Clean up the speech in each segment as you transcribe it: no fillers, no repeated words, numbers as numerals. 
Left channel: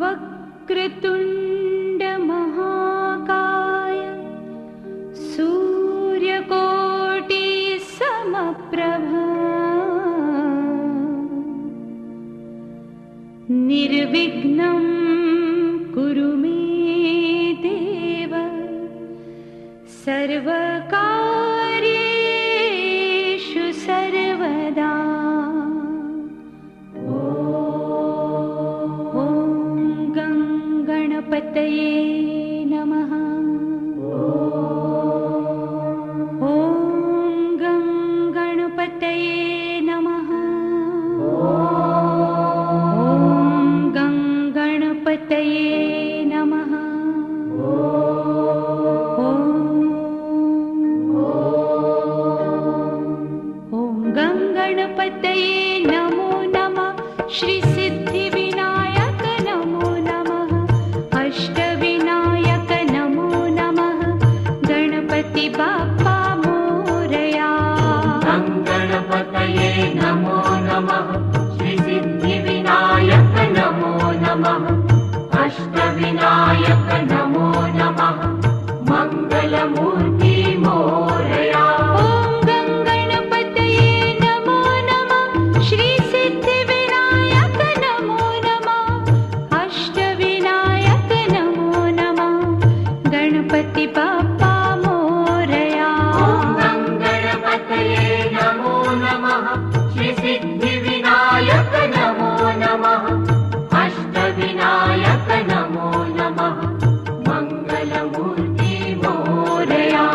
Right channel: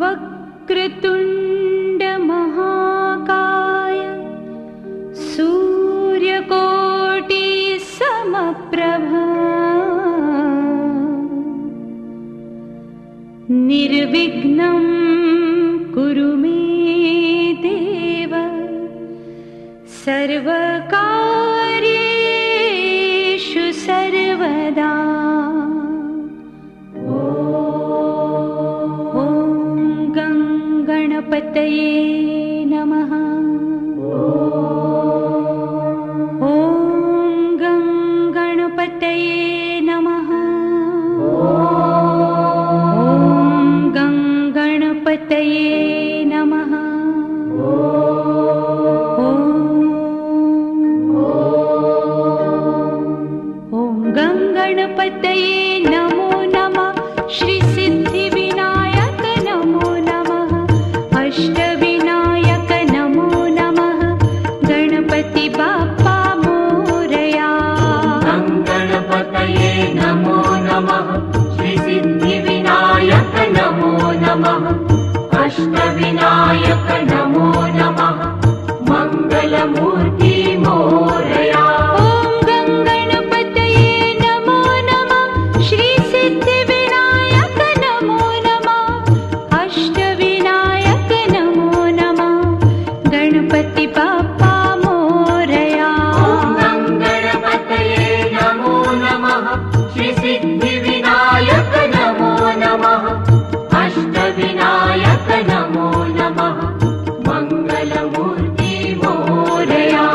वक्रतुण्ड महाकाय सूर्यकोटि समप्रभा निर्विघ्नं कुरु मे देव सर्वकार्येषु सर्वदा। गणपतये नमः। ॐ गणपतये नमः। ॐ गणपतये नमः। ॐ गणपतये नमो नमः। श्री सिद्धिविनायक नमो नमः। अष्टविनायक नमो नमः। गणपति बाप्पा मोरया। गणपतये नमो नमः। श्री सिद्धिविनायक नमो नमः। अष्टविनायक नमो नमः। मंगलमूर्ति मोरया। गणपति बाप्पा मोरया। गणपतये नमो नमः। श्री सिद्धिविनायक नमो नमः। अष्टविनायक नमो नमः। मंगलमूर्ति मोरया।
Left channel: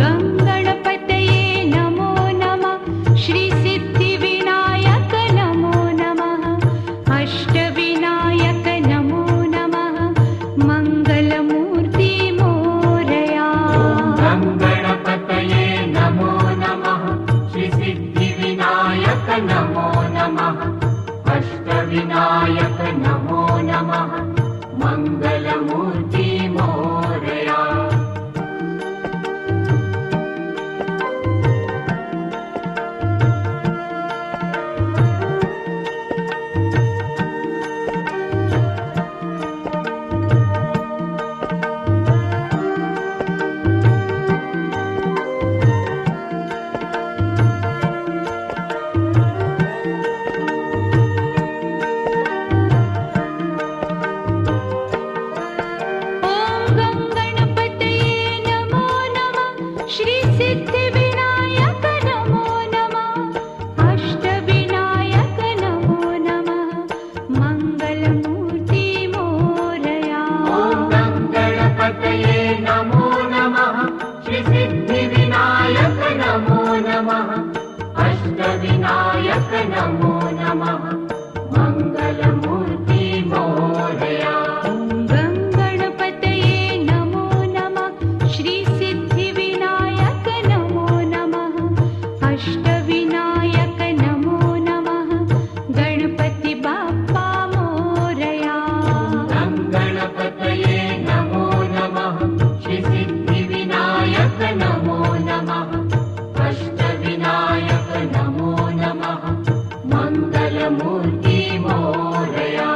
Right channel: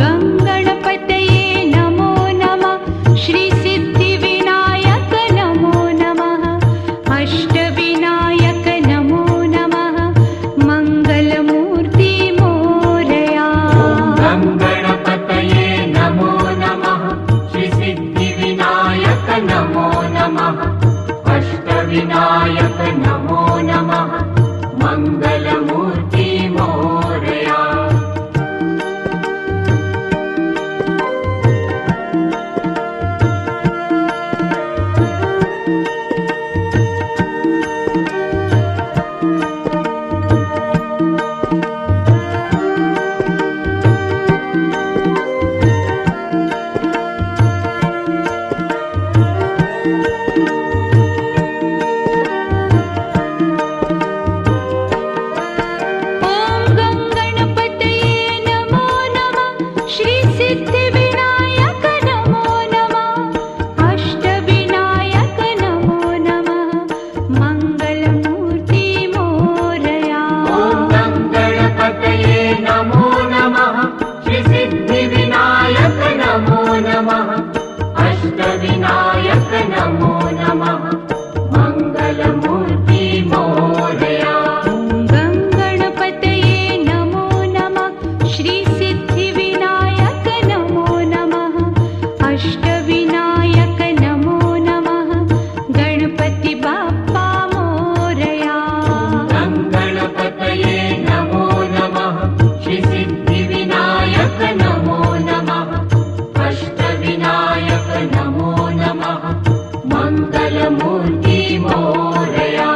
गणपतये नमो नमः। श्री सिद्धिविनायक नमो नमः। अष्टविनायक नमो नमः। मंगलमूर्ति गणपतये नमो नमः। श्री सिद्धिविनायक नमो नमः। अष्टविनायक नमो नमः। मंगलमूर्ति मोरया। अष्टविनायक नमो नमः। मंगलमूर्ति मोरया। गणपतये नमो नमः। श्री सिद्धिविनायक नमो नमः। अष्टविनायक नमो नमः। गणपति बाप्पा मोरया। गणपतये नमो नमः। श्री सिद्धिविनायक नमो नमः। अष्टविनायक नमो नमः। मंगलमूर्ति मोरया।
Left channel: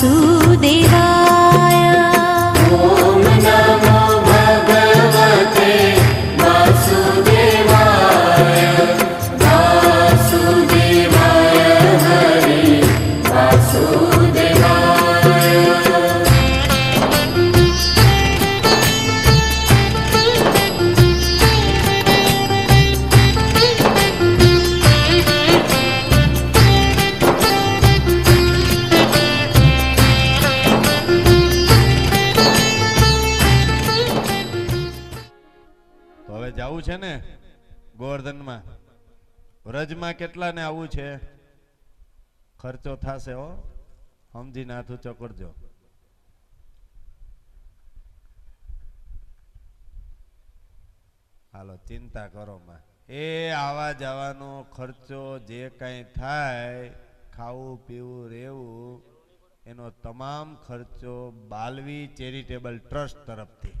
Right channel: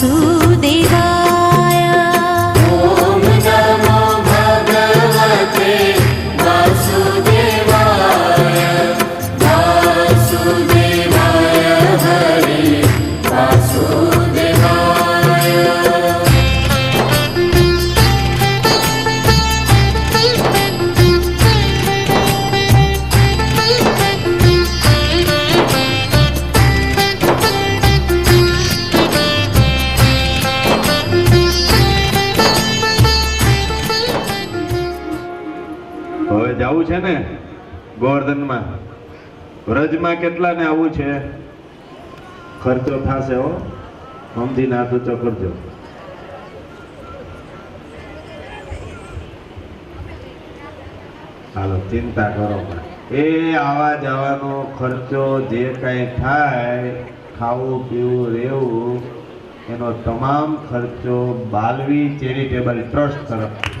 वासुदेवाय ॐ नमो भगवते वासुदेवाय वासुदेवाय हरे वासुदेवाय હવે જવું છે ને ગોવર્ધનમાં વ્રજમાં કેટલા ને આવું છે ખર્ચો થશે હો સમજીને હાથ ઊંચો કરજો હાલો ચિંતા કરો માં. એ આવા જવાનો ખર્ચો જે કઈ થાય ખાવું પીવું રહેવું એનો તમામ ખર્ચો બાલવી ચેરિટેબલ ટ્રસ્ટ તરફથી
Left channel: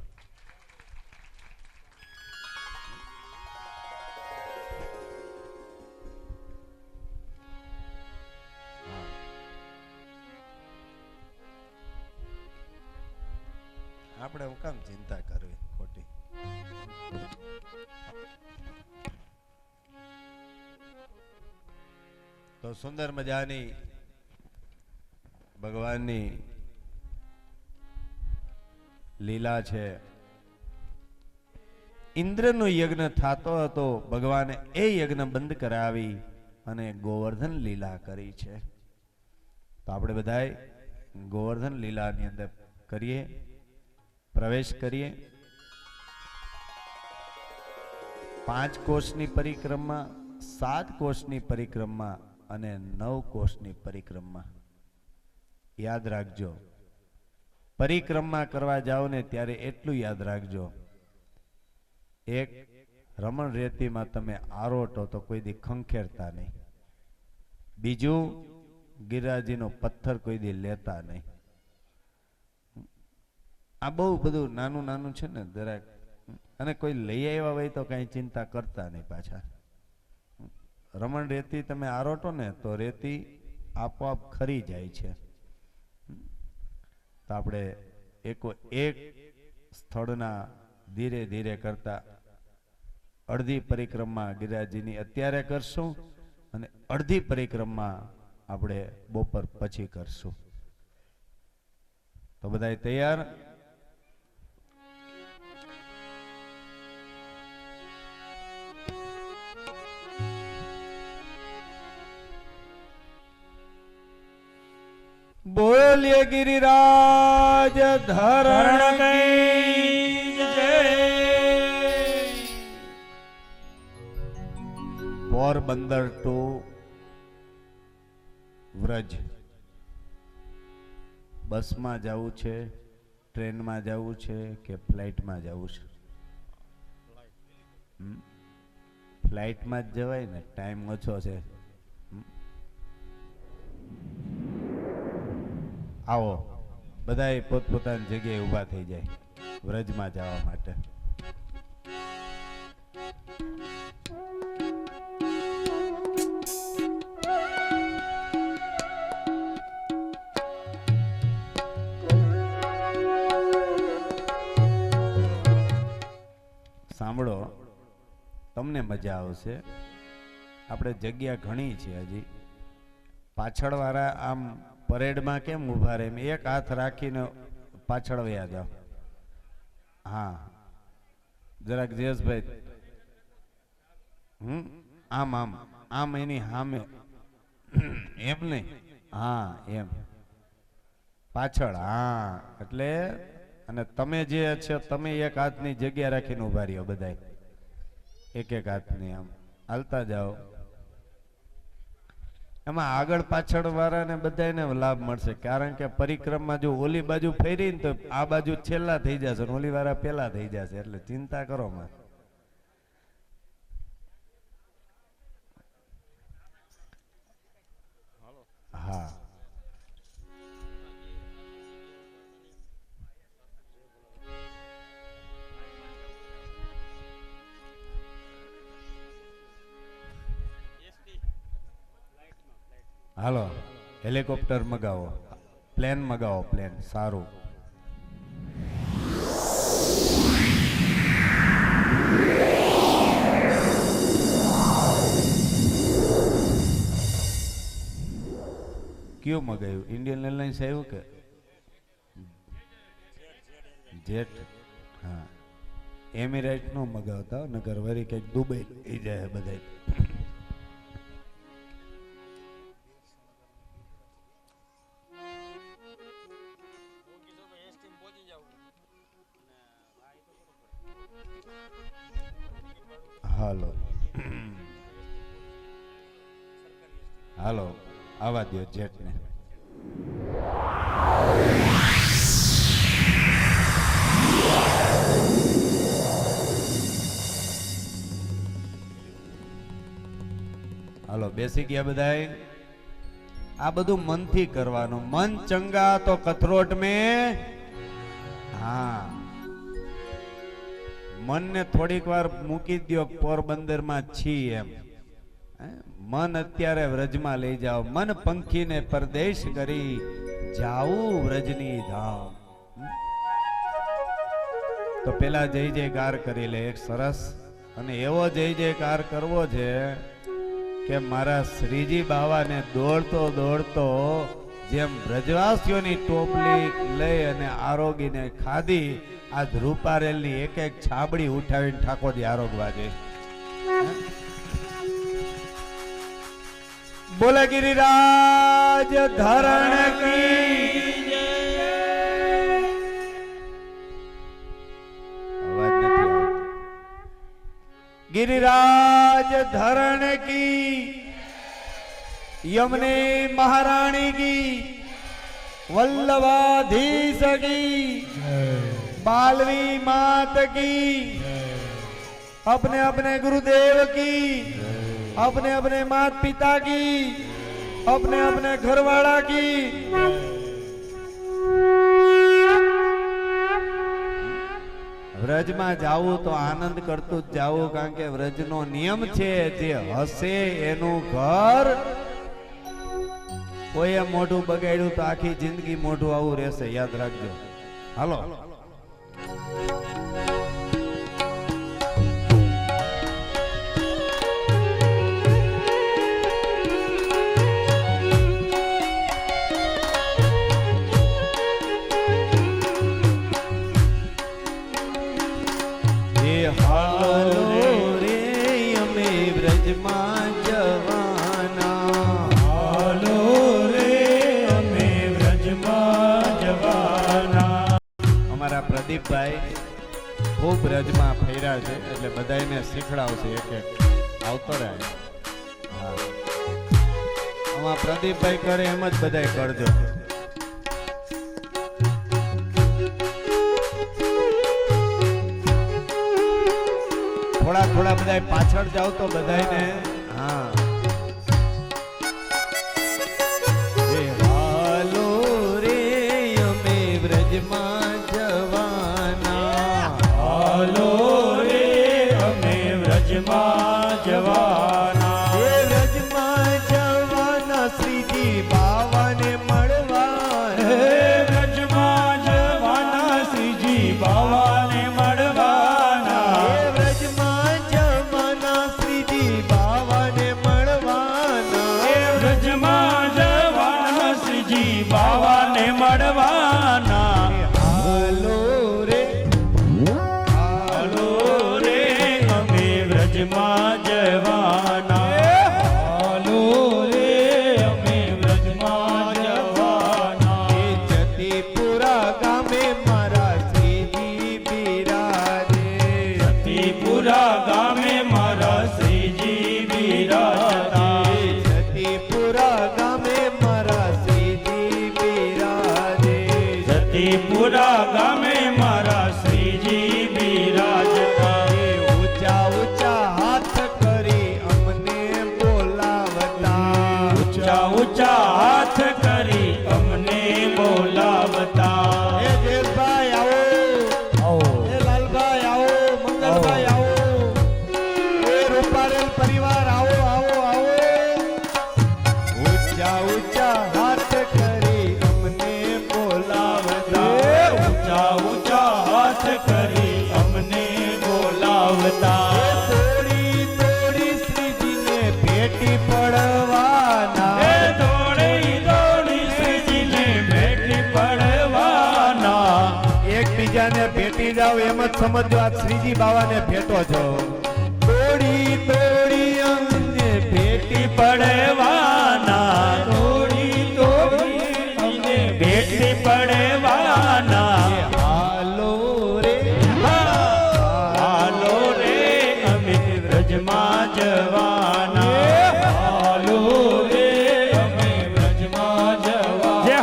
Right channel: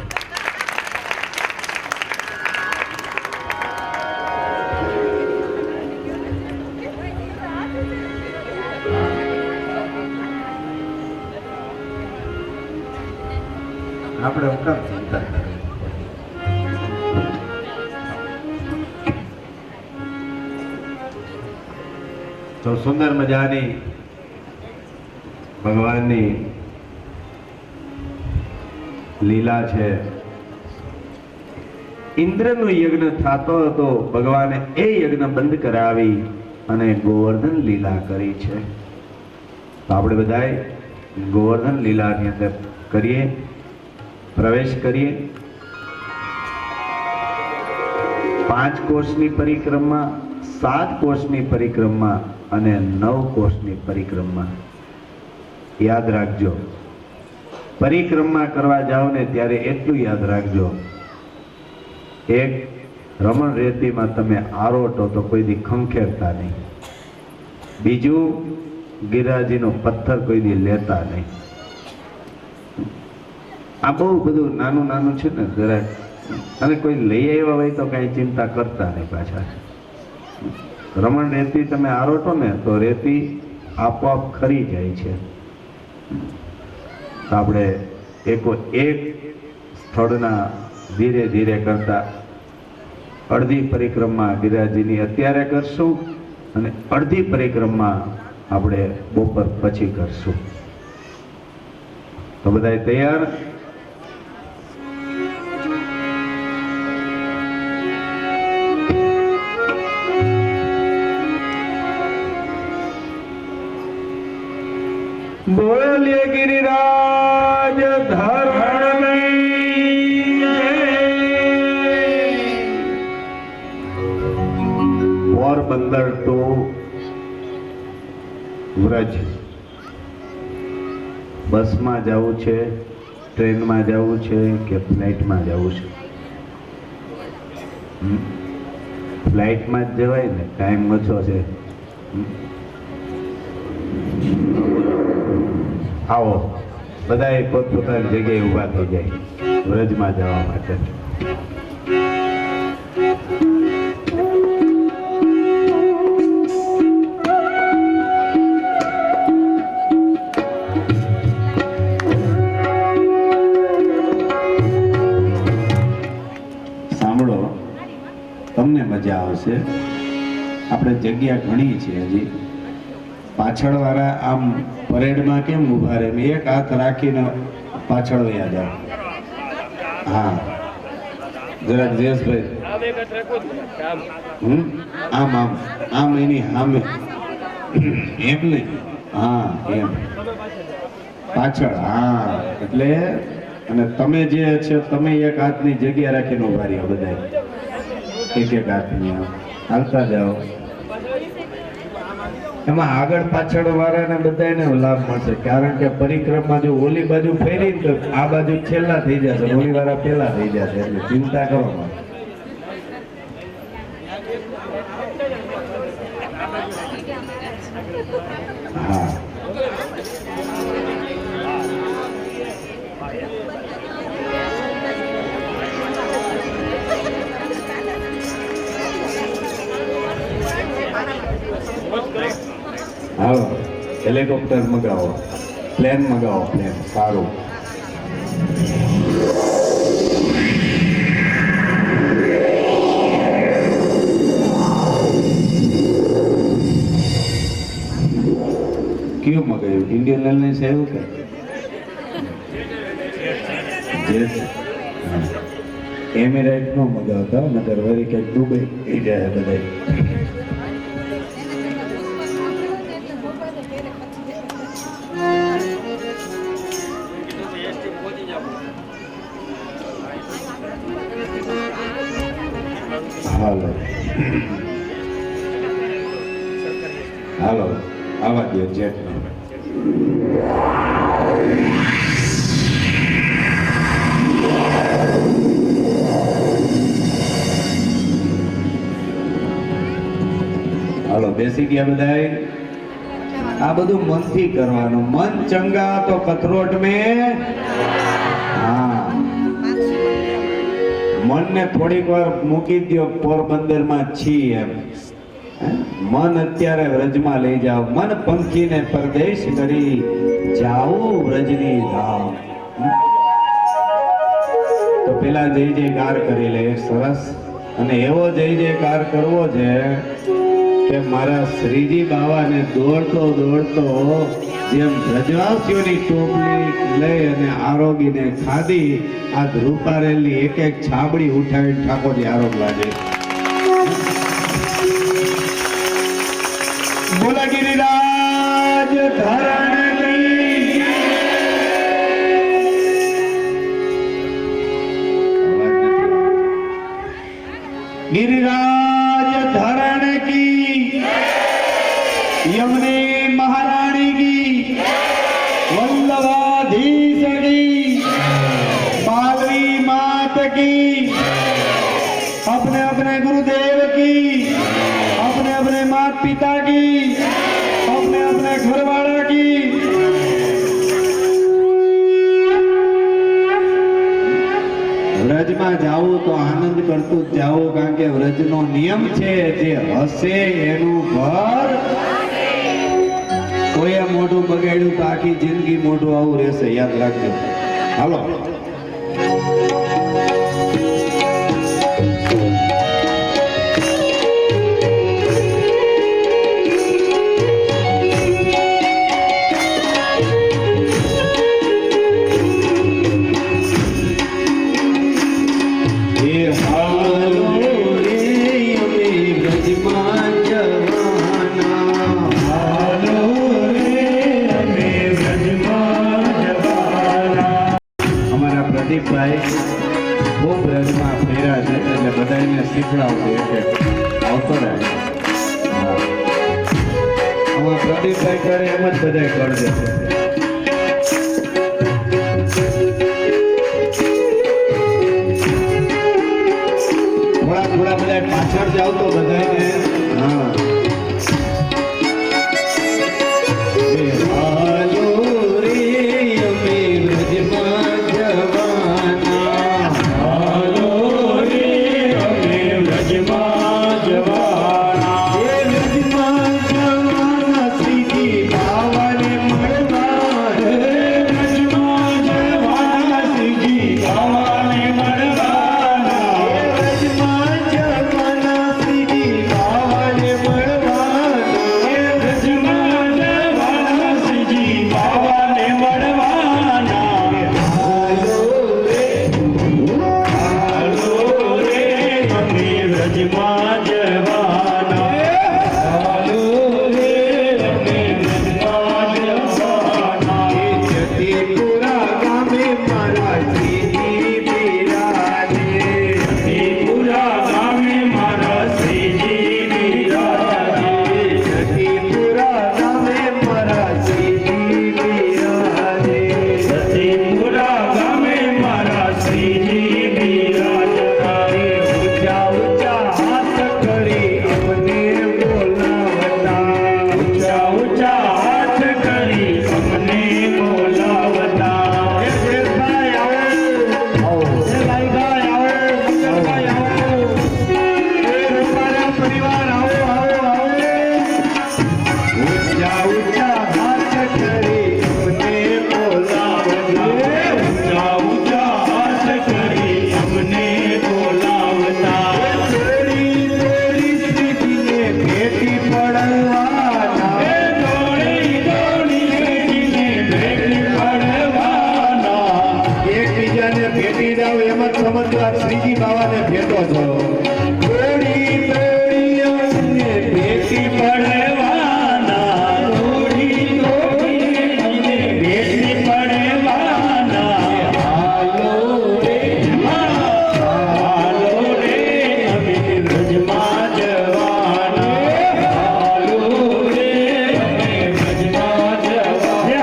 આપણે હું કામ ચિંતા કરીએ? તો સુંદર મજાની ભગવાનની લીલા છે. ઇન્દ્રનો યજ્ઞ થતો હતો, ભગવાને એ યજ્ઞ બંધ કરાવી અને ગોવર્ધન લીલા કરી છે. તો આપણે બધાએ ગોવર્ધન લીલાની અંદર કરીએ, પ્રવેશ કરીએ. 5 કોષની પરિક્રમા, 7 કોષની પરિક્રમા અને 9 કોષની પરિક્રમા. યાદ રાખજો, પરિક્રમા કરવા જાઓ ને ત્યારે એટલું યાદ રાખજો, એક રમણ રેતીમાં તમે આરોટો તો કોઈ દી ખંખેરતા નહીં. બીજું, ગિરિરાજીનો પથ્થર કોઈ દી લેતા નહીં. આ બહુ બધું નાનું નાનું છે ને જરાક, અને કોઈ લઈ આવ્યા હોય તો કઈ ચિંતા કરતા નહીં પાછા. રમણ રેતી તમે આરોટો ને તો રેતી આપોઆપ ખરી જાય છે. તો આપણે એક સ્થળના ધીરે ધીરે કરતા અડધી પરિક્રમા ગિરિરાજીની અત્યારે કરશું અને અડધી પરિક્રમા આપણે બપોર પછી કરશું. તો બધા તૈયાર? બોલીએ ગિરિરાજ ધરણની જય. પોરબંદર ટુ વ્રજ બસમાં જવું છે, ટ્રેનમાં જવું છે કે ફ્લાઇટમાં જવું છે? ફ્લાઇટમાં જ જવાય ને, ટાઈમ ઓછો છે. આવો બધા પોતપોતાની જગ્યાએ ઊભા થઈ જાય વ્રજમાં જવા માટે. સાંભળો, તમને મજા આવશે. આપણે જગ્યા ઘણી છે હજી. પાછળ વાળા આમ પરેડમાં કેમ ઉભા રહે, એક હાથ રાખીને પાછળ વયા જાઓ. હા, જરાક જયેશભાઈ, આમ આમ આમ એની સામે, એમ નહીં, હા એમ પાછળ. હા, એટલે અને તમે જે છે તમે એક હાથની જગ્યા રાખીને ઉભા રહ્યા, બધા એક એક હાથની આમ હાલતા જાઓ. એમાં આગળ પાછળ વાળાને બધાને લાભ મળશે, કારણ કે પરિક્રમા જો ઓલી બાજુ ફેરી તો આ બાજુ છેલ્લા થઈ જશે, ઓલી વાળા પેલા થઈ જશે, એટલે ચિંતા કરો. હા, હાલો હેલિકોપ્ટર મગાવો. પ્લેન મગાવો, પ્લેન સારું. કયું મગાવ્યું? ઇન્ડિયન એરલાઇન્સ આવ્યું કે જેટ? એમિરેટ નો મગાવતા, નકર વળી કંઈક દુબઈ એ જાય બધા. હાલો હાલો આવા દો જેટ. હાલો બેસી ગયા બધાય. આ બધું મનથી કરવાનું. મન ચંગા તો કથરોટ में. હા, મનને થોડીક વાર મૂકી દો પોરબંદરમાં છી એમ. મન અત્યારે વ્રજમાં લઈ જાઓ. મન પંખીને પરદેશ કરી જાઉં વ્રજની ધામ. તો પેલા જય જયકાર કરી લે સરસ. અને એવો જય જયકાર કરવો છે કે મારા શ્રીજી બાવાને દોડતો દોડતો જેમ વ્રજવાસીઓની ટોપલી લઈ અને આરોગીને ખાધી, આ ધ્રુપારેલની એક એક છાબડી ઉઠાવી ઠાકોરજી આરોગવા દે. બોલા ગિરિરાજ ધરણ કી. અવાજ નથી આવતો. गिरिराज धरण की, यमुने महारानी की, वल्लभाधीश की, बालवी मात की, अपने अपने गुरुदेव की, अपने अपने माता पिता की, अपने अपने घरवाला की. વ્રજમાં જાઓ તો આનંદ કરતું જ જાઓ, કારણ કે વ્રજનો નિયમ છે જે હસે એનું ઘર. કોઈએ મોઢું બગાડ્યું તો આખી જિંદગી મોઢું આવું રહેશે, યાદ રાખજો. હાલો ખૂબ વ્રજમાં ફેર્યા છે એટલે બધાને શીખડાવશે. આવતો રહે આમાં પ્રદીપભાઈ કરે એમ જ બધા કરજો. થોડા થોડા બધા પાછળ જાવ તો બધાને. હા કનૈયાને ભેટી જાવ એમ જ સમજો આ શ્રીજી બાવાને ભેટો છો. થોડી થોડી અમને ભેટી પડવાના, થોડી થોડી અમને ભેટી પડવાના. હાલો રે હાલો રે અમે વ્રજમાં જવાના. હાલો રે અમે વ્રજમાં જવાના.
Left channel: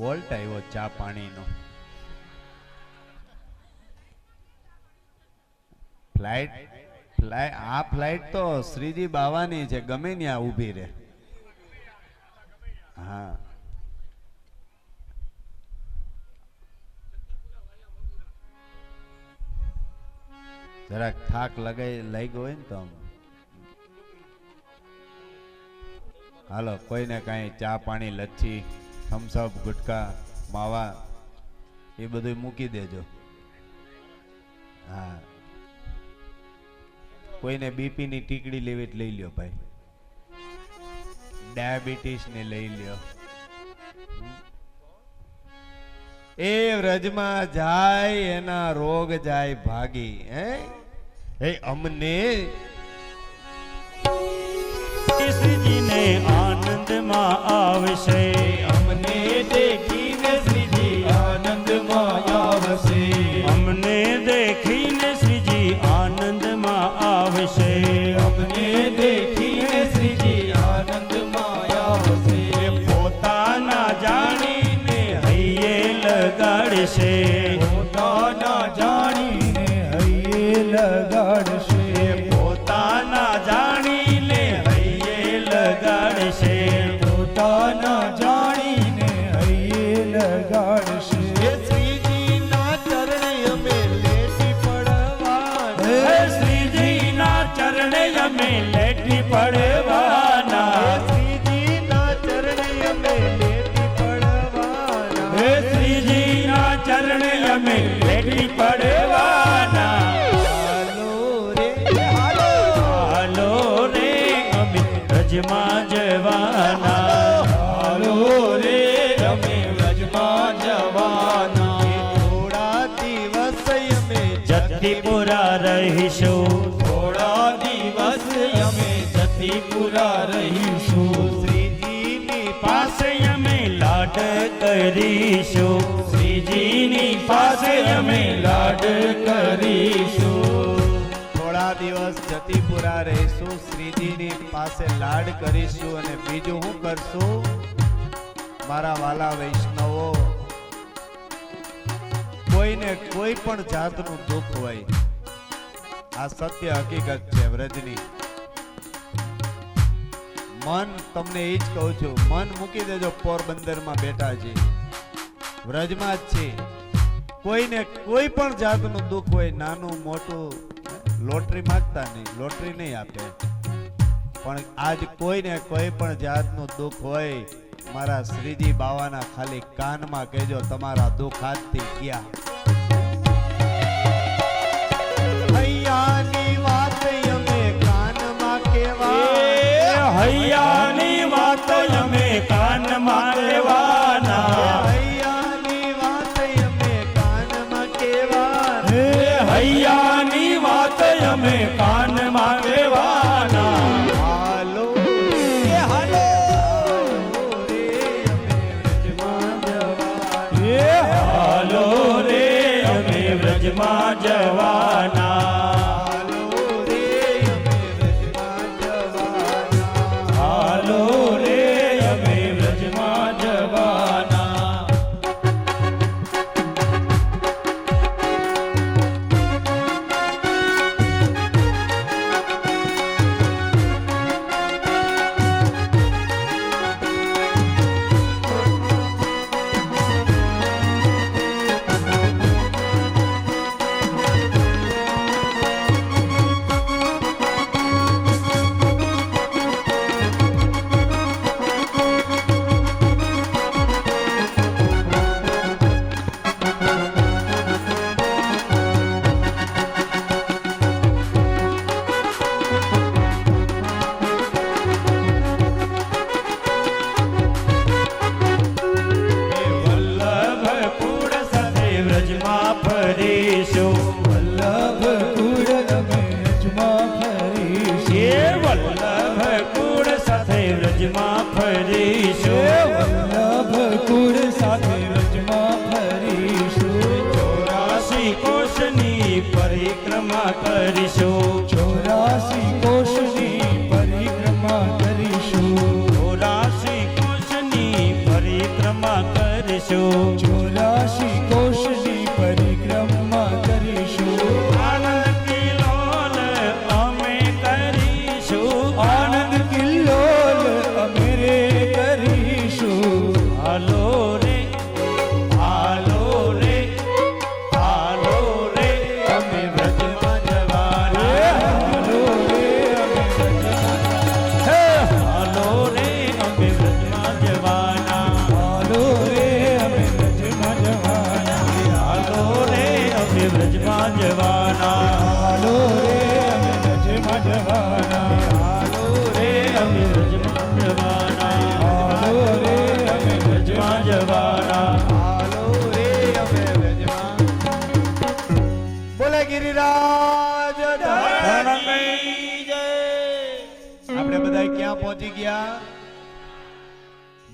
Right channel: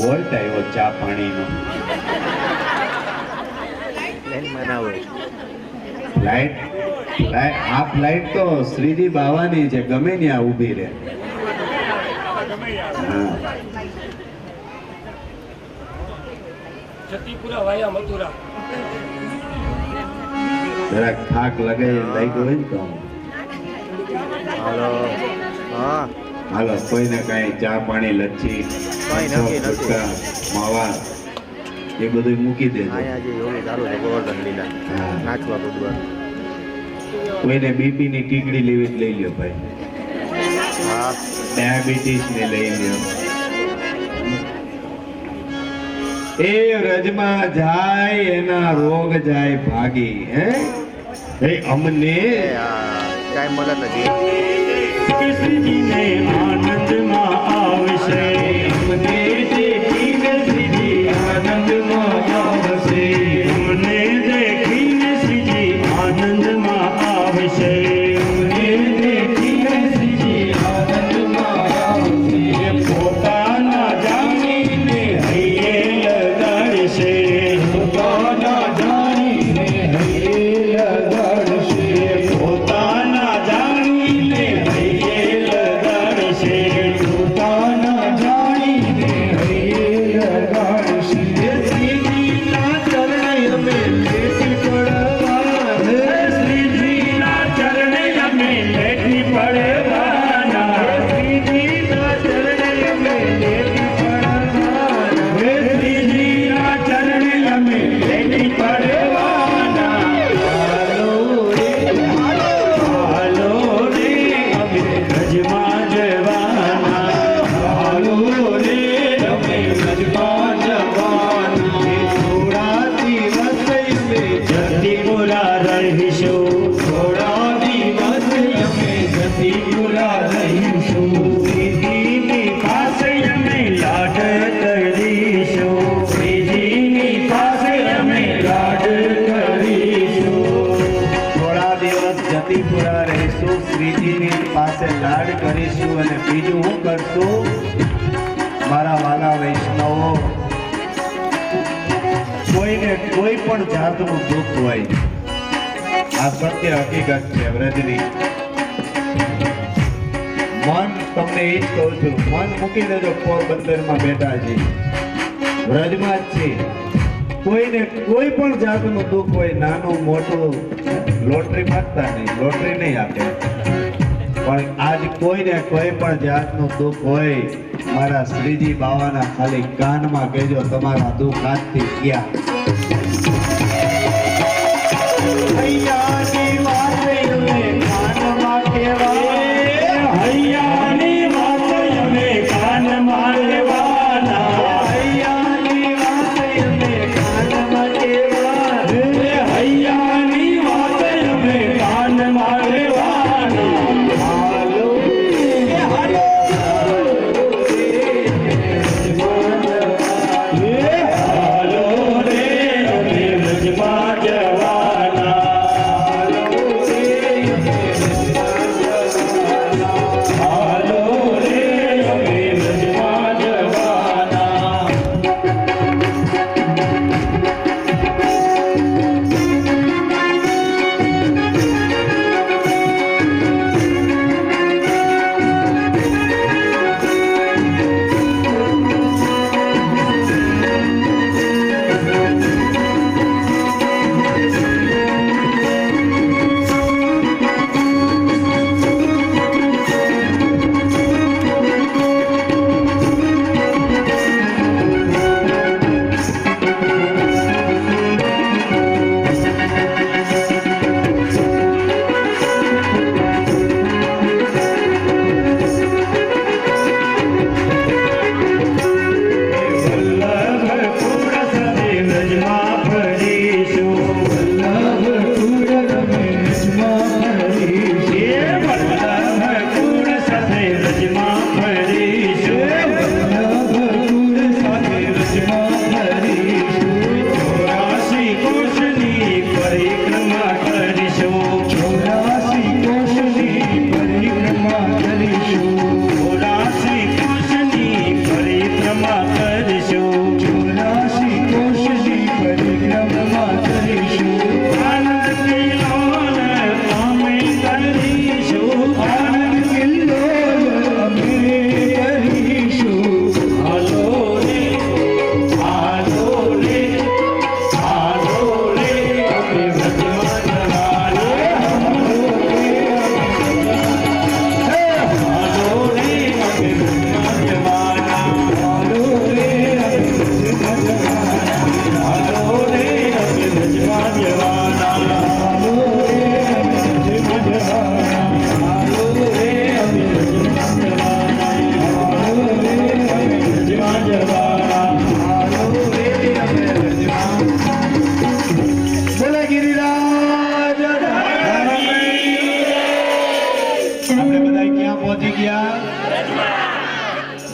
વોલ્ટ આવ્યો ચા પાણીનો. આ ફ્લાઇટ તો શ્રીજી બાવાની છે, ગમે ત્યાં ઊભી રહે. હા. જતીપુરા વાયા મથુરા. જરાક થાક લગાઈ લાગ્યો હોય ને તો હાલો કોઈને કઈ ચા પાણી લચ્છી ગુટકા માવા એ બધું મૂકી દેજો. હા. કોઈને બીપી ની ટીકડી લેવી લઈ લ્યો ભાઈ, ડાયાબિટીસ ને લઈ લ્યો. એ વ્રજમાં જાય એના રોગ જાય ભાગી. હે અમને શ્રીજીને આનંદમાં આવશે, અમને દેખીને શ્રીજી આનંદમાં આવશે, અમને દેખીને શ્રીજી આનંદમાં આવશે, અમને દેખીને શ્રીજી આનંદમાં આવશે. પોતાના જાણીને હૈયે લગાડશે, પોતાના જાણીને હૈયે લગાડશે, પોતાના જાણીને હૈયે લગાડશે, પોતાના જાણીને હૈયે લગાડશે. શ્રીજીના ચરણે અમે લેટી પડવાના, શ્રીજીના ચરણે અમે લેટી પડવાના, શ્રીજીના ચરણે અમે લેટી પડવાના, શ્રીજીના ચરણે અમે લેટી પડવાના. હાલો રે અમે વ્રજમાં જવાના, હાલો રે અમે વ્રજમાં જવાના. થોડા દિવસ અમે જતીપુરા રહીશું, થોડા દિવસ અમે જતીપુરા રહીશું. શ્રીજીની પાસે અમે લાડ કરીશું, શ્રીજીની પાસે અમે લાડ કરીશું. થોડા દિવસ જતીપુરા રહીશું, શ્રીજીની પાસે લાડ કરીશું. અને બીજું શું કરશું મારા વાલા વૈષ્ણવો, કોઈને કોઈ પણ જાતનું દુઃખ હોય, આ સત્ય હકીકત છે વ્રજની. મન તમને એ જ કહું છું, મન મૂકી દેજો. પોરબંદરમાં બેઠા છે, વ્રજમાં જ છે. કોઈને કોઈ પણ જાતનું દુઃખ હોય, નાનું મોટું, લોટરી માંગતા નહીં, લોટરી નહીં આપે. પણ આજ કોઈને કોઈ પણ જાતનું દુઃખ હોય, મારા શ્રીજી બાવાના ખાલી કાનમાં કહેજો, તમારા દુઃખ આજથી ગયા. હૈયાની વાત અમે કાનમાં કહેવા, હૈયાની વાત અમે કાનમાં લેવાના, હૈયાની વાત અમે કાનમાં કહેવા, હૈયાની વાત અમે કાનમાં લેવાના. હાલો હાલો હાલો રે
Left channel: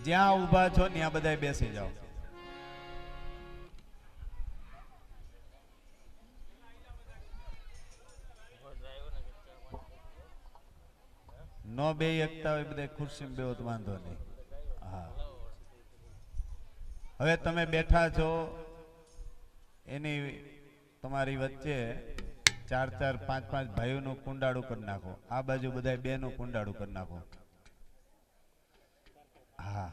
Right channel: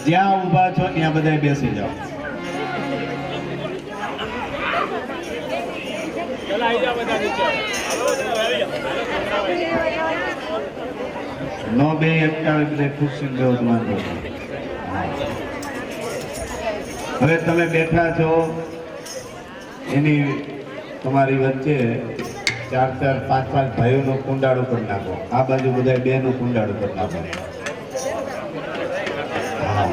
જ્યાં ઊભા છો ત્યાં બધા બેસી જાઓ. નો બે એકતા બધા ખુરશી બેહો વાંધો નહીં. હવે તમે બેઠા છો એની તમારી વચ્ચે 4-4, 5-5 ભાઈઓનું કુંડાળું કરી નાખો. આ બાજુ બધા બેનું કુંડાળું કરી નાખો. હા.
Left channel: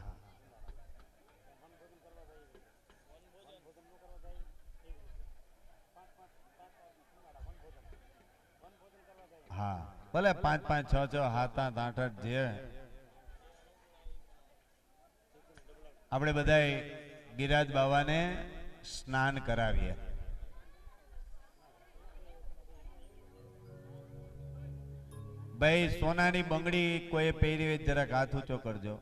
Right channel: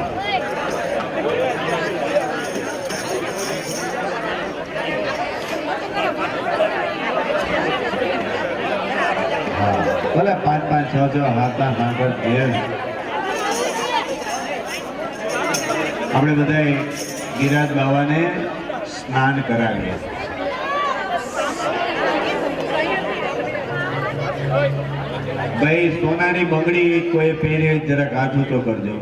હા. ભલે 5-5, 6-6, 7-8, 10. આપણે બધા ગિરાજ બાવાને સ્નાન કરાવીએ. ભાઈ સોનાની બંગડી કોઈ પહેરી હોય જરાક હાથ ઊંચો કરજો.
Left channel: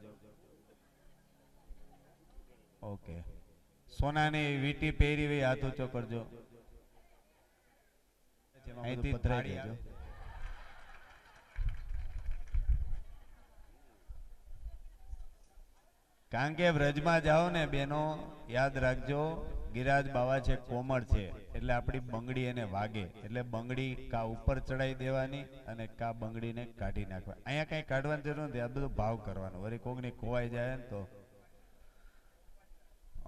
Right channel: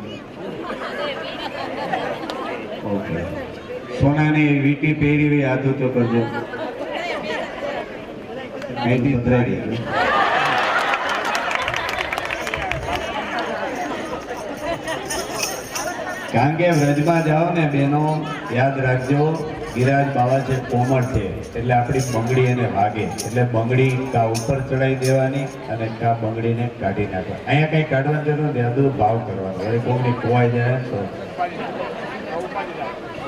ઓકે. સોનાની વીટી પહેરી હોય હાથ ઊંચો કરજો. અહીંથી ઉતરાઈ. કારણ કે વ્રજમાં જાઓ ને બેનો, યાદ રાખજો ગિરાજ બાવા છે કોમળ છે એટલે આપણી બંગડી એને વાગે એટલે બંગડી કા ઉપર ચડાવી દેવાની અને કા બંગડીને કાઢી નાખો. અહીંયા કઈ કાઢવાની જરૂર નથી, આ બધું ભાવ કરવાનો. હવે કોઈની ખોવાઈ જાય તો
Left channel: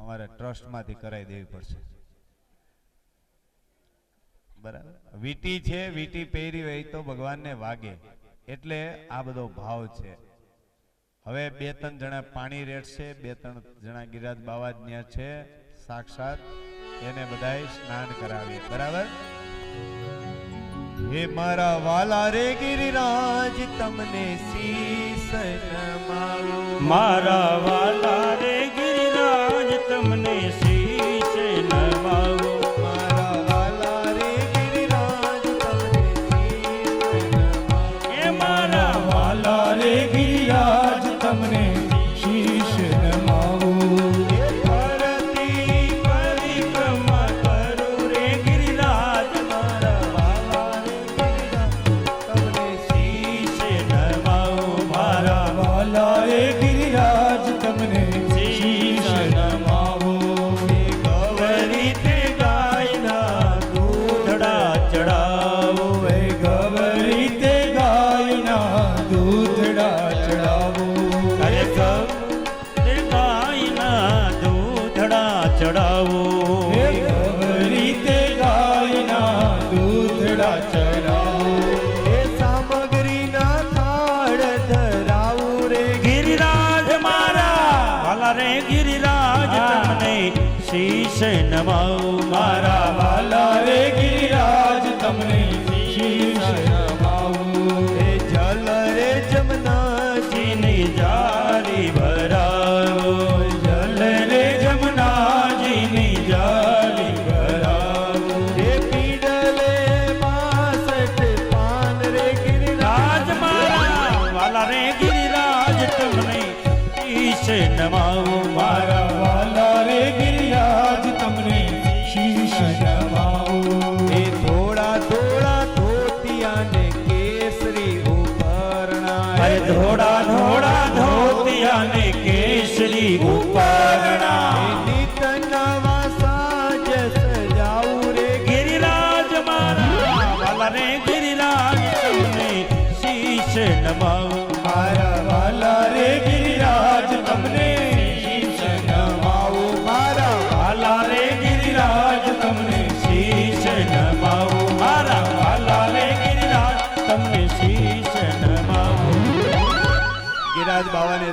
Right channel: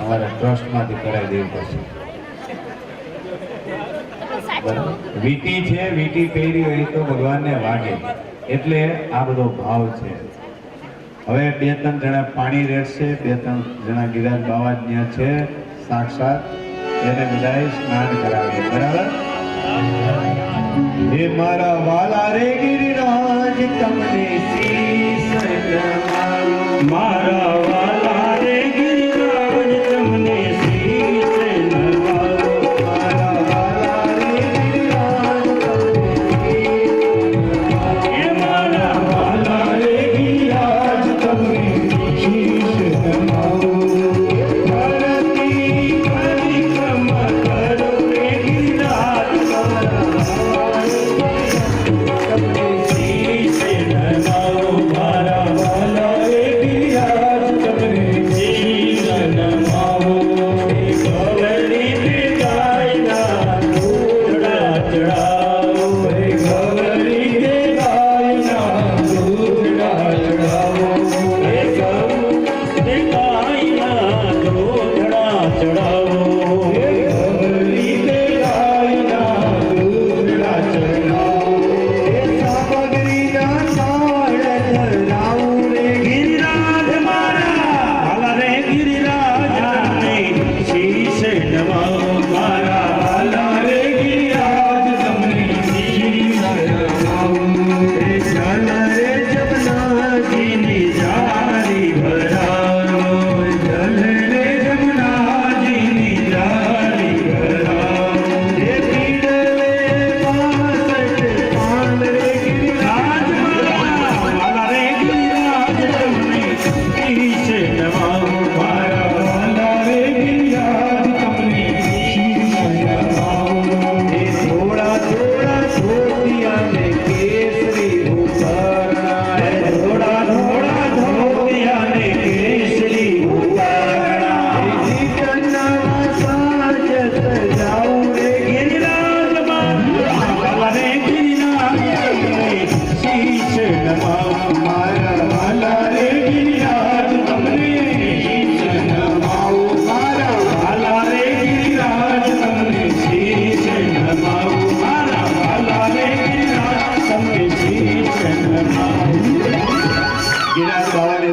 અમારે ટ્રસ્ટમાંથી કરાવી દેવી પડશે. બરાબર. વીટી છે, વીટી પહેરી હોય તો ભગવાનને વાગે એટલે આ બધો ભાવ છે. હવે 2-3 જણા પાણી રેડશે, 2-3 જણા ગિરાજ બાવા ત્યાં છે સાક્ષાત, એને બધાએ સ્નાન કરાવીએ. બરાબર. હે મારા વાલા રે ગિરિરાજ તમને શીશ નમાવો. મારા વાલા રે ગિરિરાજ તમને શીશ નમાવો. મારા વાલા રે ગિરિરાજ તમને શીશ નમાવો. હે મારા વાલા રે ગિરિરાજ તમને શીશ નમાવો.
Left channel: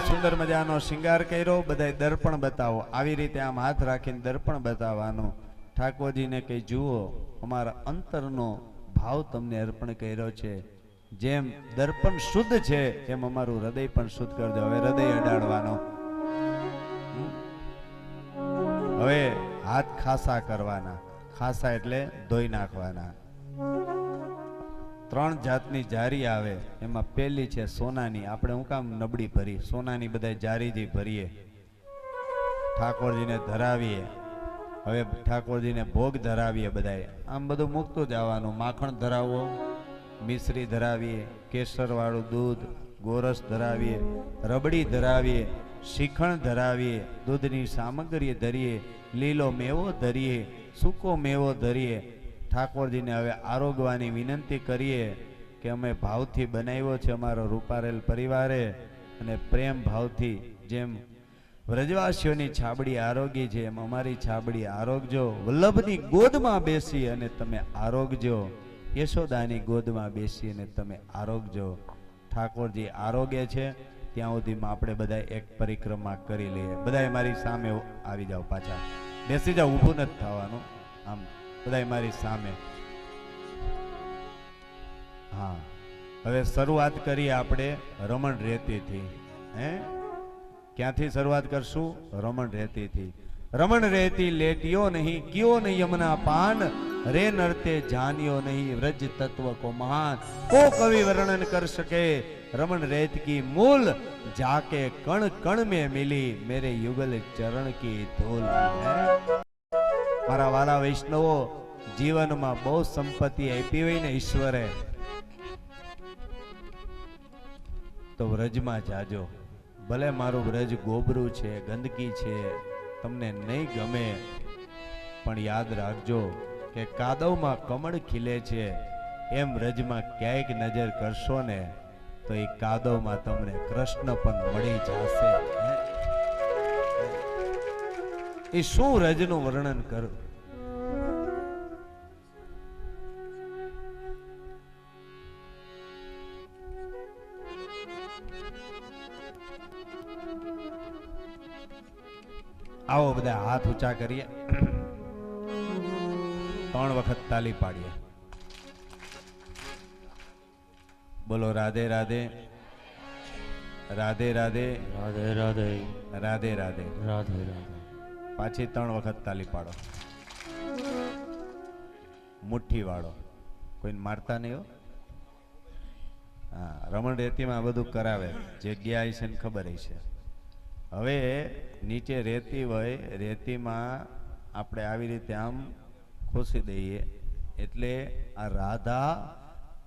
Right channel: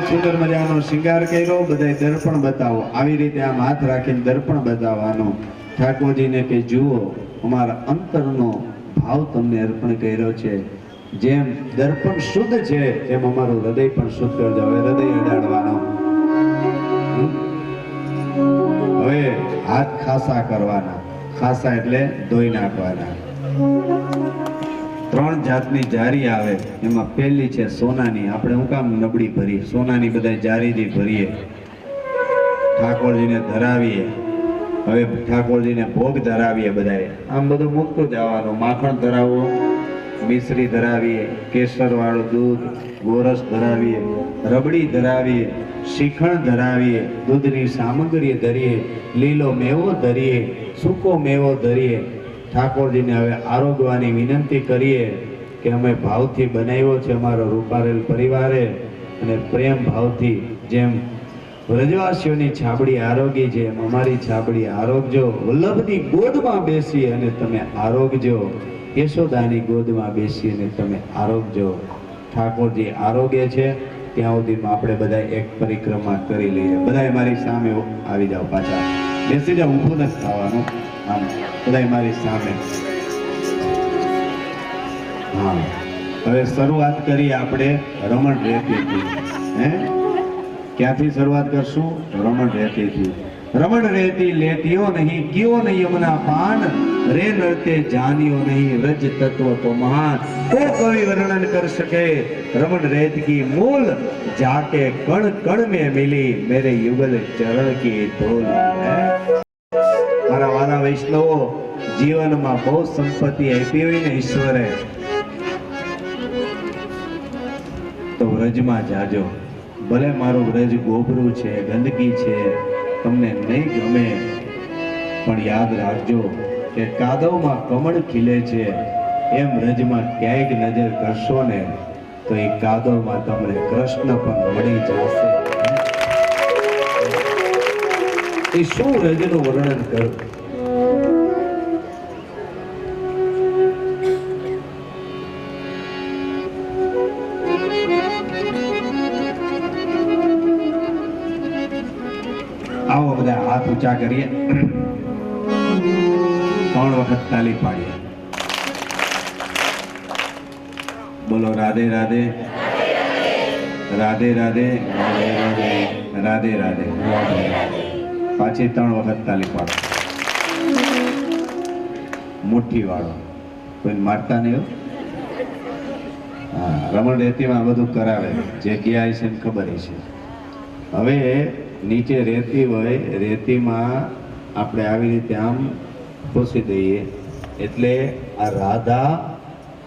સુંદર મજાનો શિંગાર કર્યો. બધાય દર્પણ બતાવો. આવી રીતે આમ હાથ રાખીને દર્પણ બતાવવાનો. ઠાકોરજીને કે જુઓ અમારા અંતરનો ભાવ તમને અર્પણ કર્યો છે. જેમ દર્પણ શુદ્ધ છે એમ અમારું હૃદય પણ શુદ્ધ કરજો. હવે હૃદય અડાડવાનો. હવે હાથ ખાસા કરવાના. ખાસા એટલે ધોઈ નાખવાના. 3 જાતની જારી આવે, એમાં પહેલી છે સોનાની. આપણે હું કામ નબળી ભરી, સોનાની બધા જારીથી ભરીએ, ઠાકોરજીને ધરાવીએ. હવે ઠાકોરજીને ભોગ ધરાવીએ. બધાએ આમ બધું મૂકતું જવાનું. માખણ ધરાવો, મિશ્રી ધરાવીએ, કેસર વાળું દૂધ, ગોરસ ધરાવીએ, રબડી ધરાવીએ, શ્રીખંડ ધરાવીએ, દૂધની સામગ્રી ધરીએ, લીલો મેવો ધરીએ, સૂકો મેવો ધરીએ. ઠાકોરજીને હવે આરોગવાની વિનંતી કરીએ કે અમે ભાવથી બનાવ્યો છે અમારો રૂપારેલ પરિવારે, અને પ્રેમ ભાવથી જેમ વ્રજવાસીઓની છાબડી આરોગી છે એમ અમારી છાબડી આરોગજો. વલ્લભની ગોદમાં બેસી અને તમે આરોગજો, યશોદાની ગોદમાં બેસી અને તમે આરોગજો. ઠાકોરજી આરોગ્ય છે ત્યાં સુધીમાં આપણે બધા એક પરિક્રમા કરી લઈએ. બધા મારી સામે આવી જાઓ, પાછા બેસી જાઓ, ઊભું નથી થવાનું. આમ બધા મારી સામે. હા, હવે શરૂઆત કરીએ આપણે રમણ રેતીથી. હે, ક્યાંથી શરૂઆત કરશું? રમણ રેતીથી. રમણ રેતી લેટિયો નહીં, કિયો નહીં યમુના પાન, રે નરતે જાનિયો નહીં, રજ તત્વ તો મહાન. કો કવિ વર્ણન કર શકે રમણ રેત કી મોલ, જાકે કણ કણ में मिली मेरे युगल चरण की धूल. મારા વાલા વૈષ્ણવો, જીવનમાં બહુ સંપત્તિ આપી હોય ને ઈશ્વરે તો વ્રજમાં જાજો. ભલે મારું વ્રજ ગોબરું છે, ગંદકી છે, તમને નહીં ગમે, પણ યાદ રાખજો કે કાદવમાં કમળ ખીલે છે એમ વ્રજમાં ક્યાંક નજર કરશો ને તો એ કાદવમાં તમને કૃષ્ણ પણ મળી જશે. એ શું વ્રજનું વર્ણન કરું? આવો બધા હાથ ઊંચા કરીએ, 3 વખત તાલી પાડીએ. બોલો રાધે રાધે, રાધે રાધે, રાધે રાધે. પાછી 3 વખત તાલી પાડો. મુઠ્ઠી વાળો, કોઈ મારતા નહીં. હા, રમણ રેતીમાં બધું કરાવે, જે ગયા છે ને ખબર છે. હવે નીચે રેતી હોય, રેતીમાં આપણે આવી રીતે આમ ખોસી દઈએ એટલે આ રાધા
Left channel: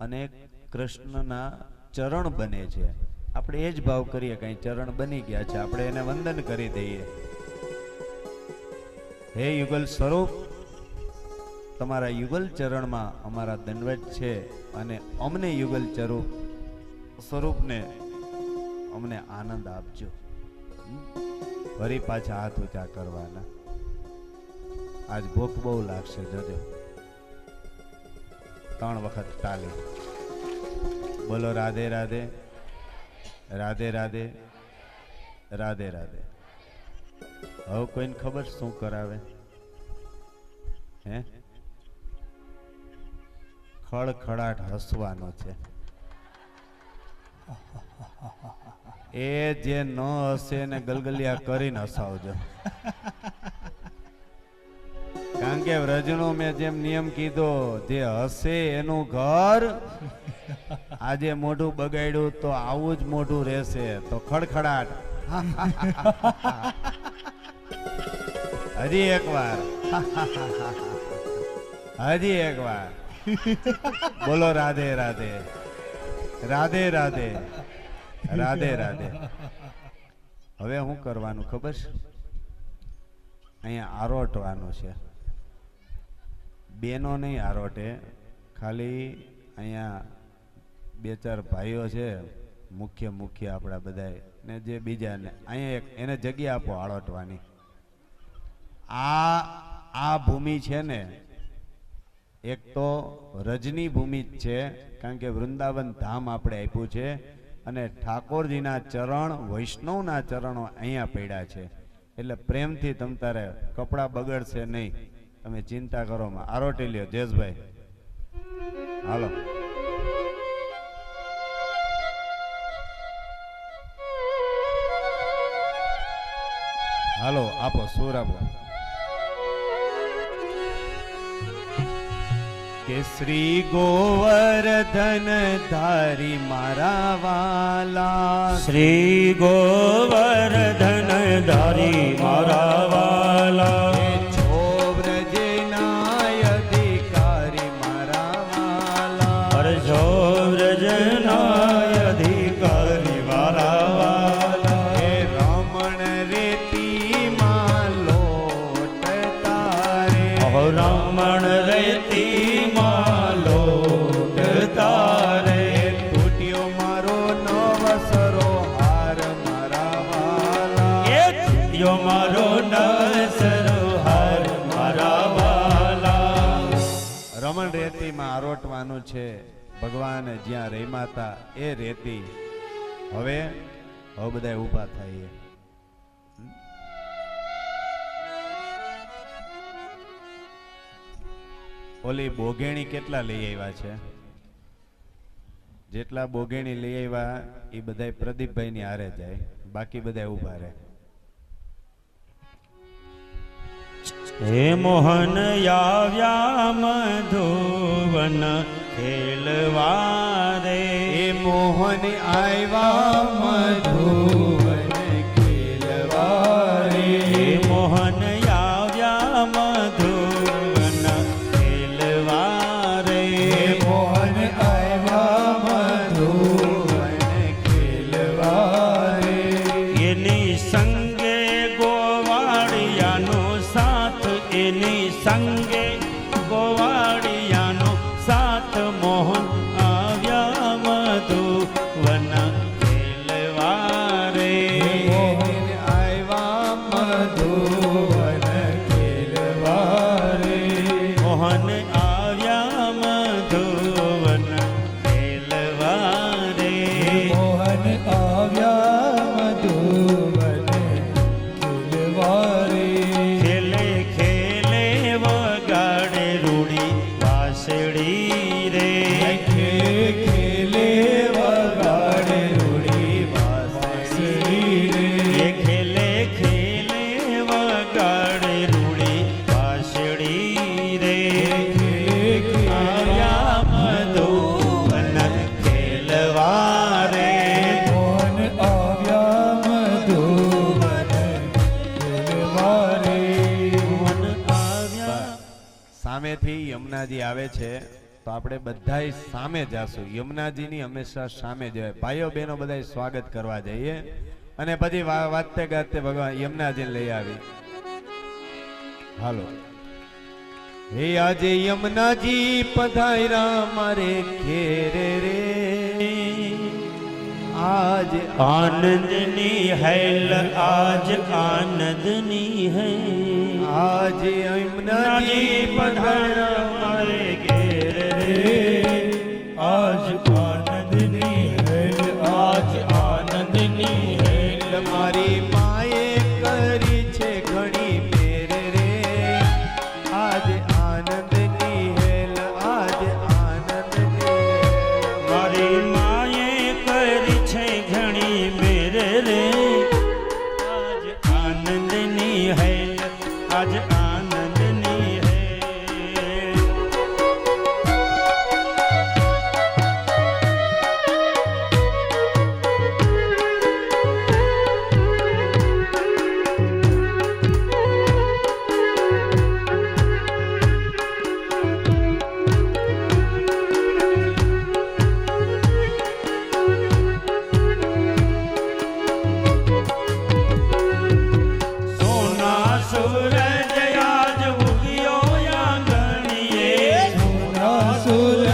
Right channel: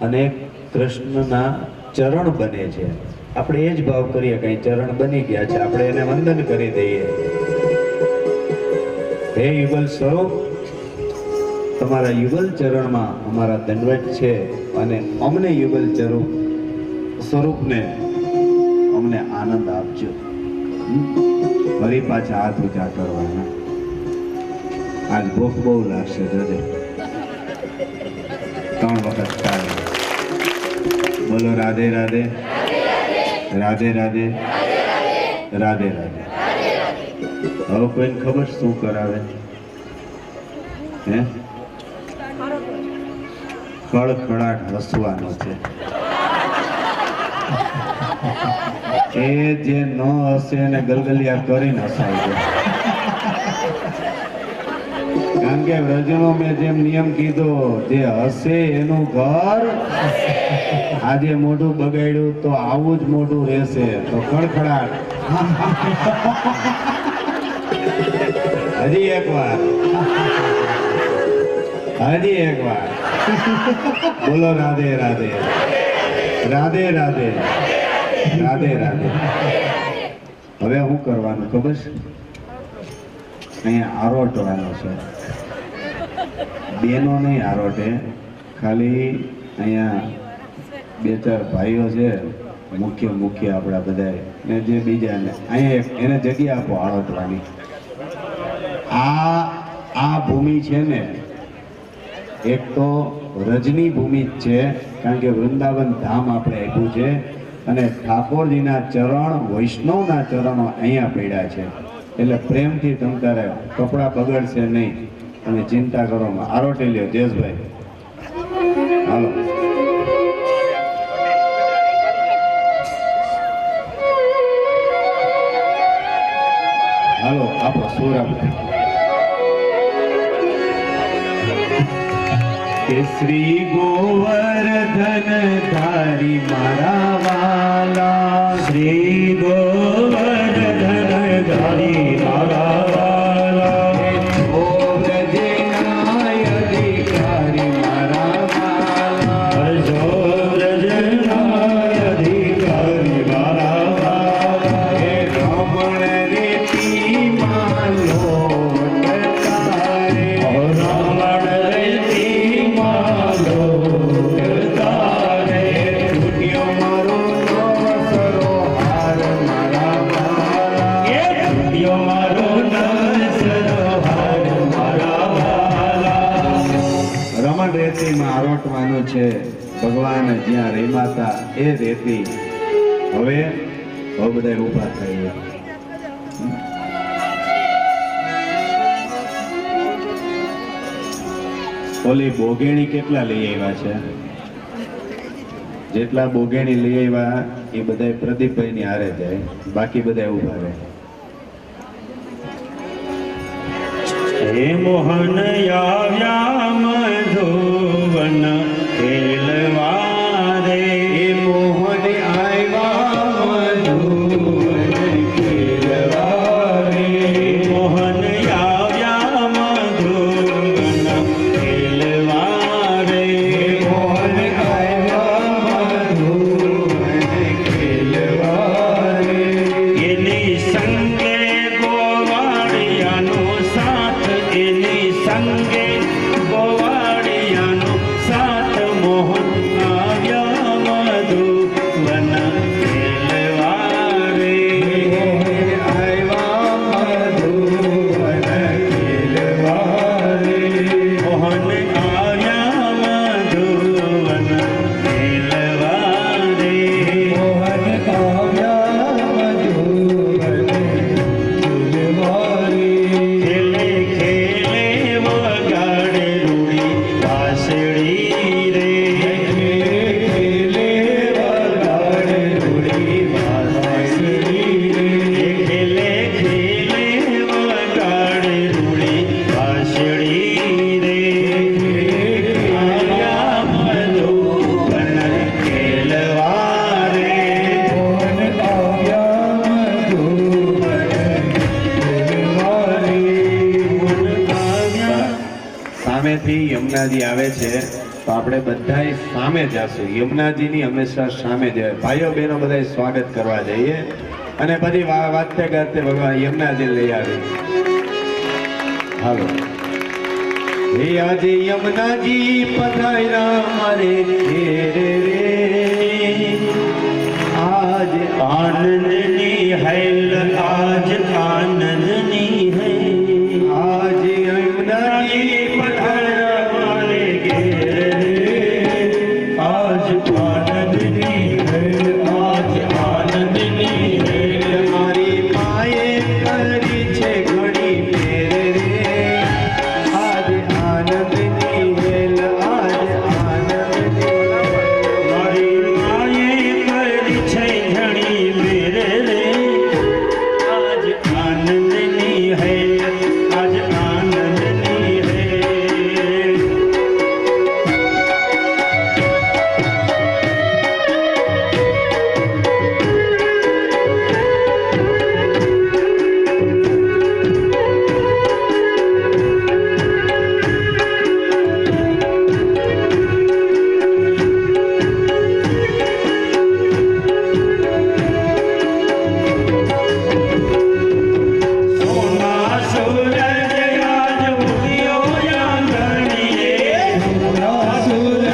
અને કૃષ્ણના ચરણ બને છે. આપણે એ જ ભાવ કરીએ, કઈ ચરણ બની ગયા છે, આપણે એને વંદન કરી દઈએ. હે યુગલ સ્વરૂપ, તમારા યુગલ ચરણમાં અમારા દંડવત છે, અને અમને યુગલ સ્વરૂપને અમને આનંદ આપજો. ફરી પાછા હાથ ઊંચા કરવાના. આજ ભૂખ બહુ લાગશે, જોજો. 3 વખત તાળી. બોલો રાધે રાધે, રાધે રાધે, રાધે રાધે. હવે કોઈને ખબર શું કરાવે? હે, ખડખડાટ હસવાનો છે. એ જે ન હશે એને ગલગલિયા કરીને હસાવી દે. કારણ કે વ્રજનો મેં જેમ નિયમ કીધો, જે હસે એનું ઘર. આજે મોઢું બગાડ્યું તો આવું જ મોઢું રહેશે. તો ખડખડાટ. હજી એક વાર, હજી એક વાર. બોલો રાધે રાધે, રાધે રાધે, રાધે રાધે. હવે શું કરવાનું ખબર છે? અહીંયા આરોટવાનો છે. બેનો નહીં આરોટે, ખાલી અહીંયા 2-4 ભાઈઓ છે, મુખ્ય આપણા બધા, ને જે બીજાને અહીંયા એને જગ્યા આપો આરોટવાની. આ ભૂમિ છે ને, એક તો રજની ભૂમિ જ છે, કારણ કે વૃંદાવન ધામ આપણે આપ્યું છે, અને ઠાકોરજીના ચરણ, વૈષ્ણવના ચરણો અહીંયા પડ્યા છે. એટલે પ્રેમથી તમ તારે કપડાં બગડશે નહીં, તમે ચિંતા કરો. આરોટી લ્યો જયેશભાઈ, હાલો. હાલો, આપો સુર આપો. શ્રી ગોવર્ધન ધારી મારા વાલા, શ્રી ગોવર્ધન ધારી મારા વાલા, છો વ્રજના અધિકારી મારા વાલા, છો વ્રજના અધિકારી મારા વાલા, હે રમણ પણ રેતીમાં આરોટવાનું છે. ભગવાન જ્યાં રમ્યા એ રેતી હવે બધા ઊભા થઈ ગયા. ઓલી બોગેણી કેટલા લઈ આવ્યા છે? જેટલા બોગેણી લઈ આવ્યા એ બધા પ્રદીપભાઈ ની હારે જાય, બાકી બધા ઊભા રહે. હે મોહન આવ્યા મધુવન ખેલવા રે. એ મોહન આવ્યા મધુવન ખેલવા રે. મોહન આવ્યા મધુવન ખેલવા રે. મોહન આવ્યા મધુવન ખેલવા રે. એની સંગે ગોવાળિયાનો સાથ, એની સંગે ગોવાળિયાનો સાથ. મોહન આવ્યા મધુવન ખેલવા રે. મોહન આવ્યા મધુવન ખેલવા રે. મોહન આવ્યા મધુવન ખેલવા રે. મોહન આવ્યા મધુવન ખેલવા રે. ખેલે ખેલે વગાડે રૂડી વાંસળી રે. ખેલે વગાડે રૂડી વાંસળી રે. ખેલે ખેલે વગાડે રૂડી વાંસળી રે. આવ્યા મધુવન ખેલવા રે. મોહન આવ્યા મધુવન ખેલવા રે. સામેથી યમુનાજી આવે છે તો આપણે બધા સામે જાશું. યમુનાજીની હંમેશા સામે જાય. ભાઈઓ બહેનો બધા સ્વાગત કરવા જઈએ અને બધી વાતે ગાતે ભગવાન યમુનાજી લઈ આવી. હાલો. હે આજે યમુનાજી પધાર્યા મારે ઘેરે રે. આજ આનંદની હેલ આજ આનંદની હૈ. આજ યમુનાજી પધાર્યા મારે ઘેરે રે. આજ આનંદની હૈ, આજ આનંદની હૈ. મારી માએ કરી છે ઘણી ફેર રે. આજ આનંદની હેલ આજ આનંદની. મારી માએ કરી છે ઘણી મેર રે. આજ આનંદની હૈ, આજ આનંદની હૈ. સોના સૂરજ આજ ઉગ્યો આંગણીએ. સોના સૂરજ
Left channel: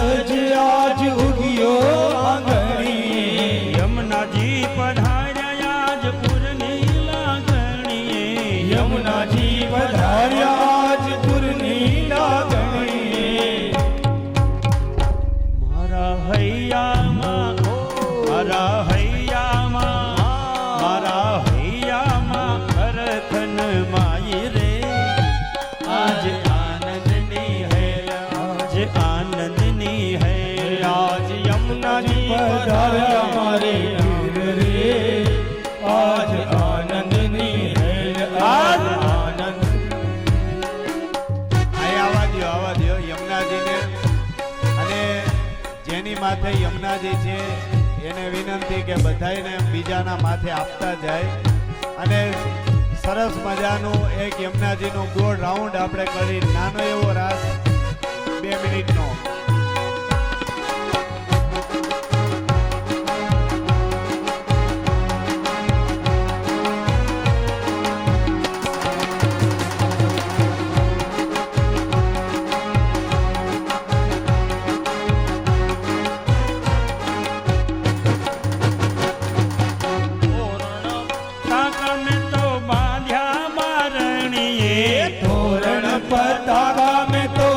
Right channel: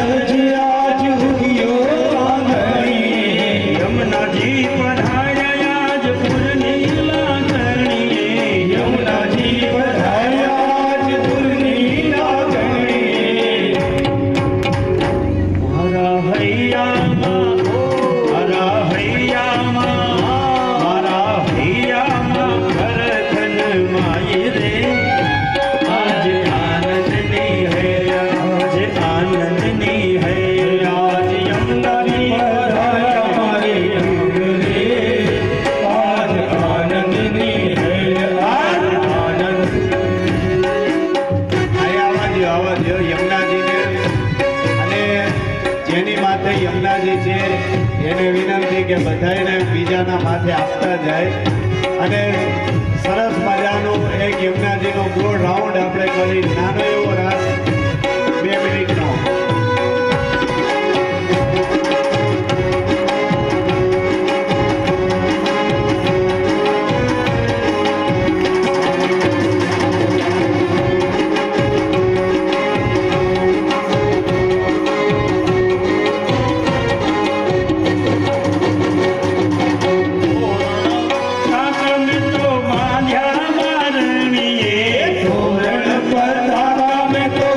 આજ ઉગ્યો આંગણીએ. યમુનાજી પધાર્યા આજ પૂરની લાગણીએ. યમુનાજી પધાર્યા આજ પૂરની લાગણીએ. મારા હૈયામાં, મારા હૈયામાં, મારા હૈયામાં ખરખન માય રે. આજ આનંદની હૈ, આજ આનંદની હૈ. આજ યમુનાજી પધાર્યા મારે ઘેરે રે. આજ આનંદની હેલ આજ આનંદ. અહીં આવવા દ્યો યમુનાજીને. અને જેની માથે યમુનાજી છે એને વિનંતી કે બધાને બીજાના માથે આપતા જાય અને સરસ મજાનો એક યમુનાજીનો ગોળ રાઉન્ડ આપણે કરી નાનો એવો રાસ 2 મિનિટનો. સાગમ તો બાંધ્યા મારણીએ. ધોરણ પર ધારા મેં તો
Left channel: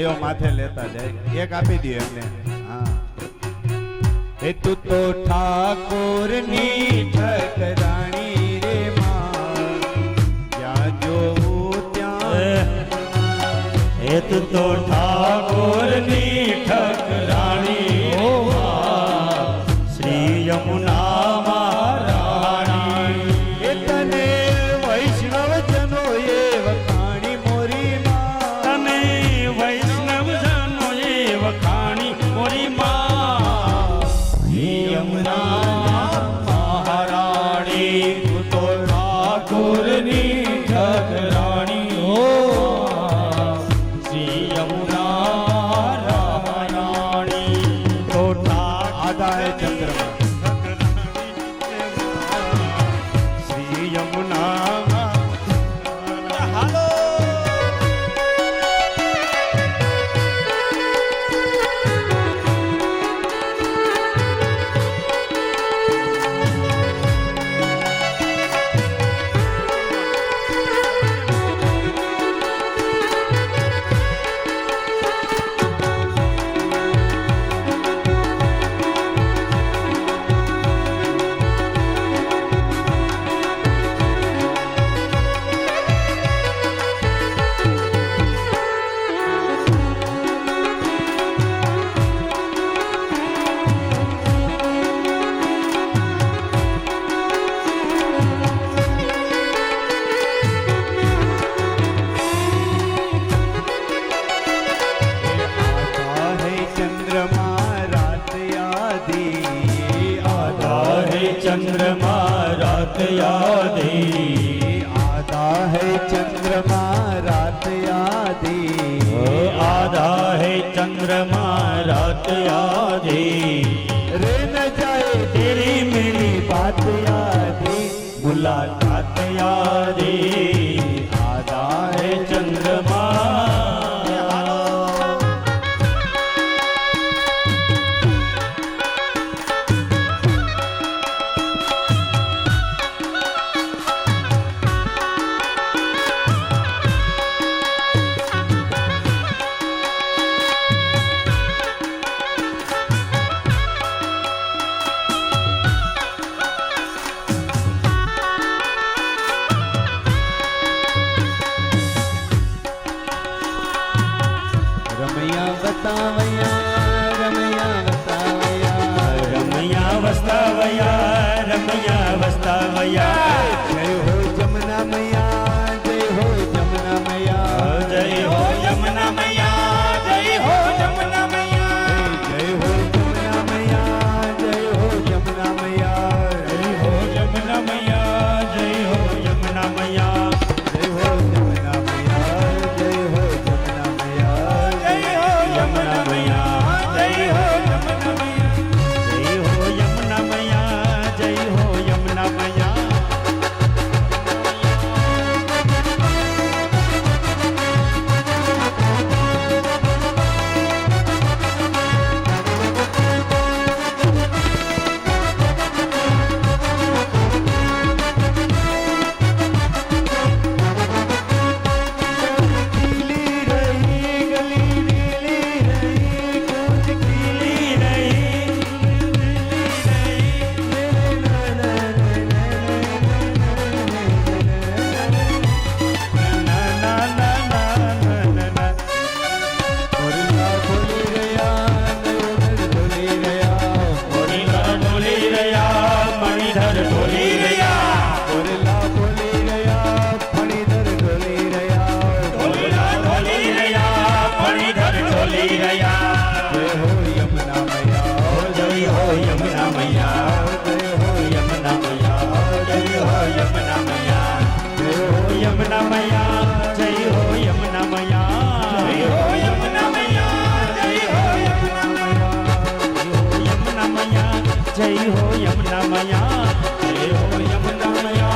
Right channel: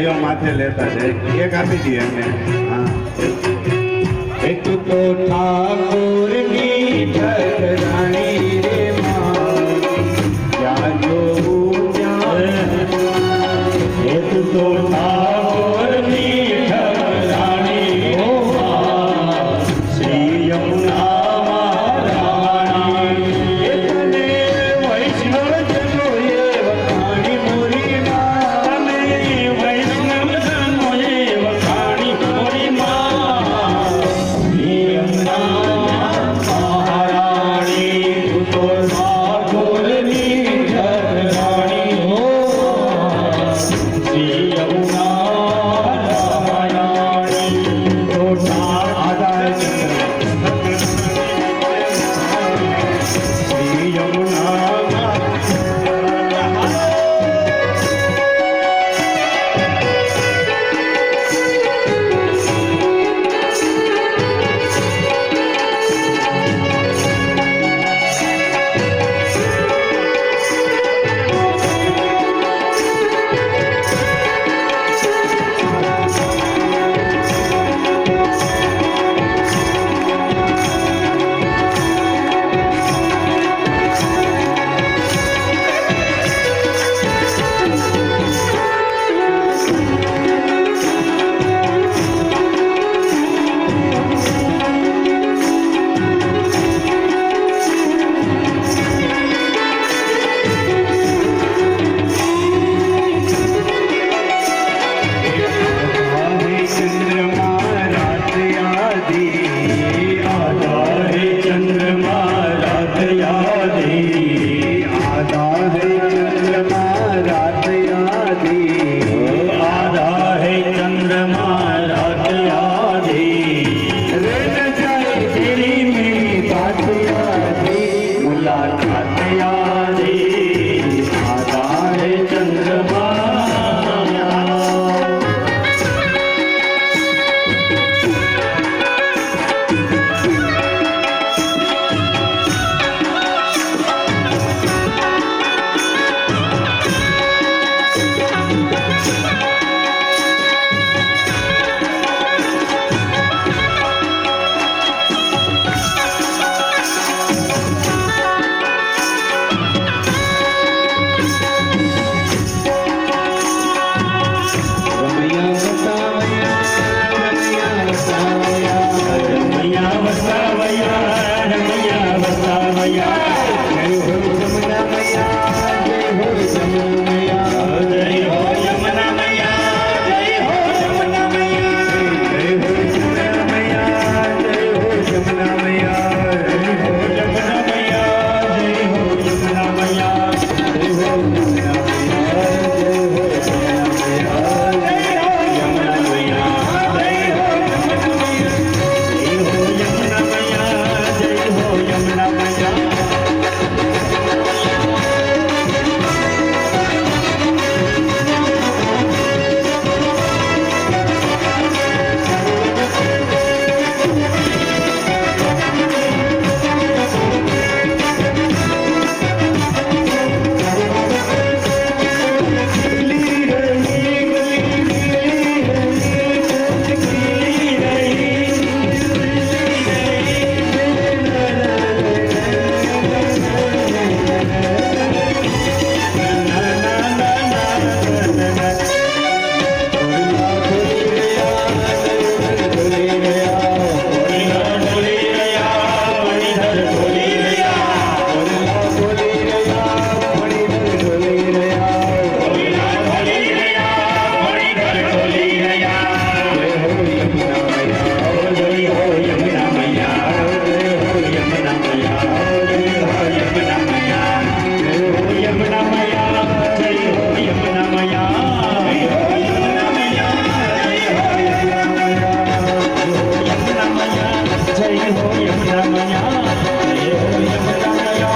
ભાઈઓ માથે લેતા જાય એક આપી દઈએ એમને હા એક તો ઠાકોરની ઠઠરાણી રે માં ત્યાં જોઉં ત્યાં એક તો ઠાકોરની ઠઠરાણી હો શ્રી યમુના મહારાણી એ તમે વૈષ્ણવ જનો એ વખાણી મોરી માં તમે વૈષ્ણવ જનો એ વખાણી મોરી માં શ્રી યમુના મહારાણી તું તો ઠાકોરની ઠઠરાણી હો શ્રી યમુના રાણી તો આધારે શ્રી યમુના आधा है चंद्रमा रात यादी आधा है चंद्रमा रात यादी आधा है चंद्रमा रात यादी आधा है चंद्रमा रात यादी रे न जाए तेरी मेरी बात यादी मुलाकात यादी आधा है चंद्रमा रमैया बतावया रमैया वस्तावया जय हो जमुना मैया जय हो जमुना मैया जय हो यमुना मैया जय हो यमुना मैया जय हो जमुना मैया जय हो जमुना मैया जय हो यमुना मैया जय हो यमुना मैया जय हो जमुना मैया जय हो जमुना मैया यमुना मैया जय हो यमुना मैया जय हो यमुना मैया यमुना मैया जय हो यमुना मैया जय हो यमुना मैया जय हो यमुना मैया जय हो यमुना मैया जय हो यमुना मैया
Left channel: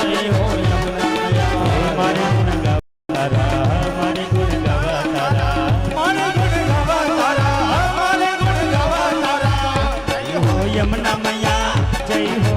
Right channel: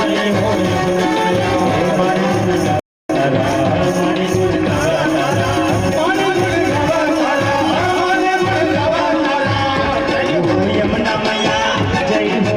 जय हो यमुना मैया हमारे यमुना मैया जय हो यमुना मैया जय हो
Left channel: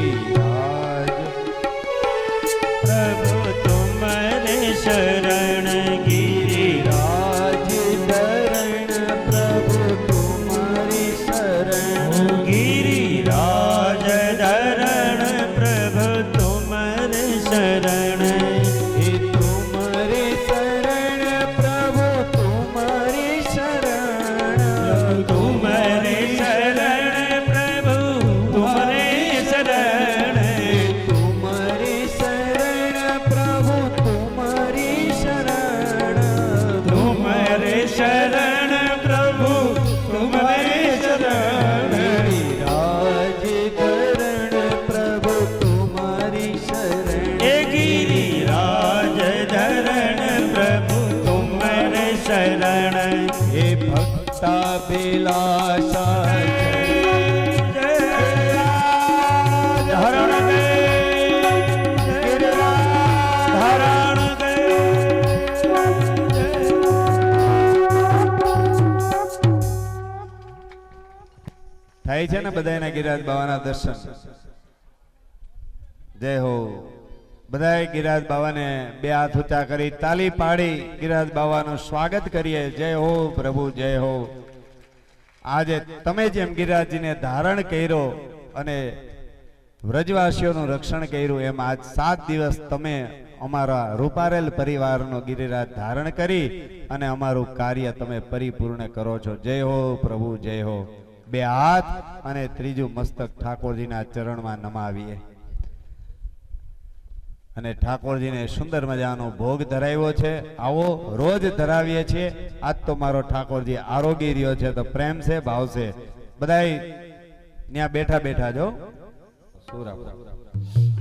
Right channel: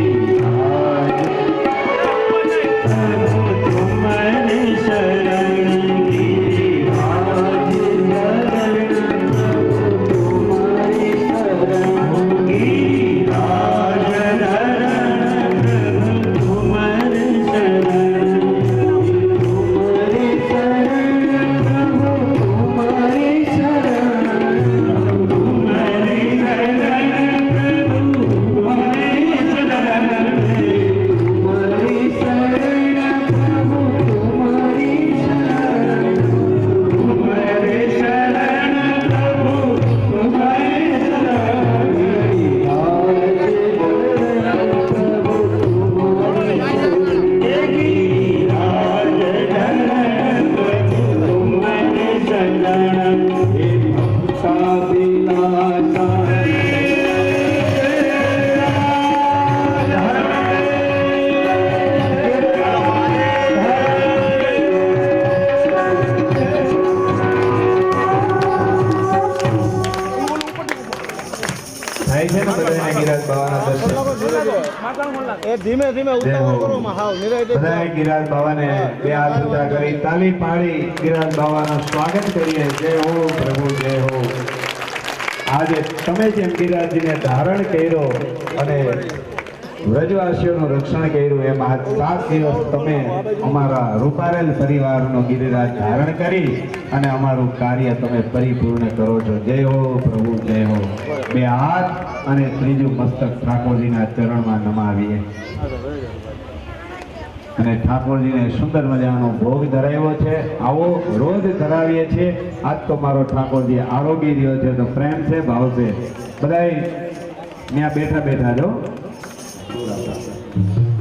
થાય છે ને બધાના ગિરાજ બાવાના દર્શન એ ધીમે ધીમે જય હો. ઉતાવળમાં હાવ નિરાંતે બધાએ ગિરાજ બાવાને બે હાથ ઊંચા કરી તાલી પાડી ગિરાજ બાવાનું સ્વાગત કરીએ. જય હો પ્રભુ, જય હો. આજે તમે જેમ ગિરાજીને ધારણ કર્યો અને વ્રજવાસીઓનું રક્ષણ કર્યું એમ આજ 7 દિવસ તમે અમારા રૂપારેલ પરિવારનો ગિરિરાજ ધારણ કરી અને અમારું કાર્ય તમે પરિપૂર્ણ કરો છો. જય હો પ્રભુ, જય હો. બે હાથ અને ત્રીજું મસ્તક ઠાકોરજીના ચરણમાં નમાવીએ અને ઠાકોરજીને સુંદર મજાનો ભોગ ધરાવ્યો છે. આવો રોજ ધરાવીએ છીએ. આજ તો મારો ઠાકોરજી આરોગી રહ્યો છે તો પ્રેમ છે, ભાવ છે. બધાય ત્યાં બેઠા બેઠા જો Thank you.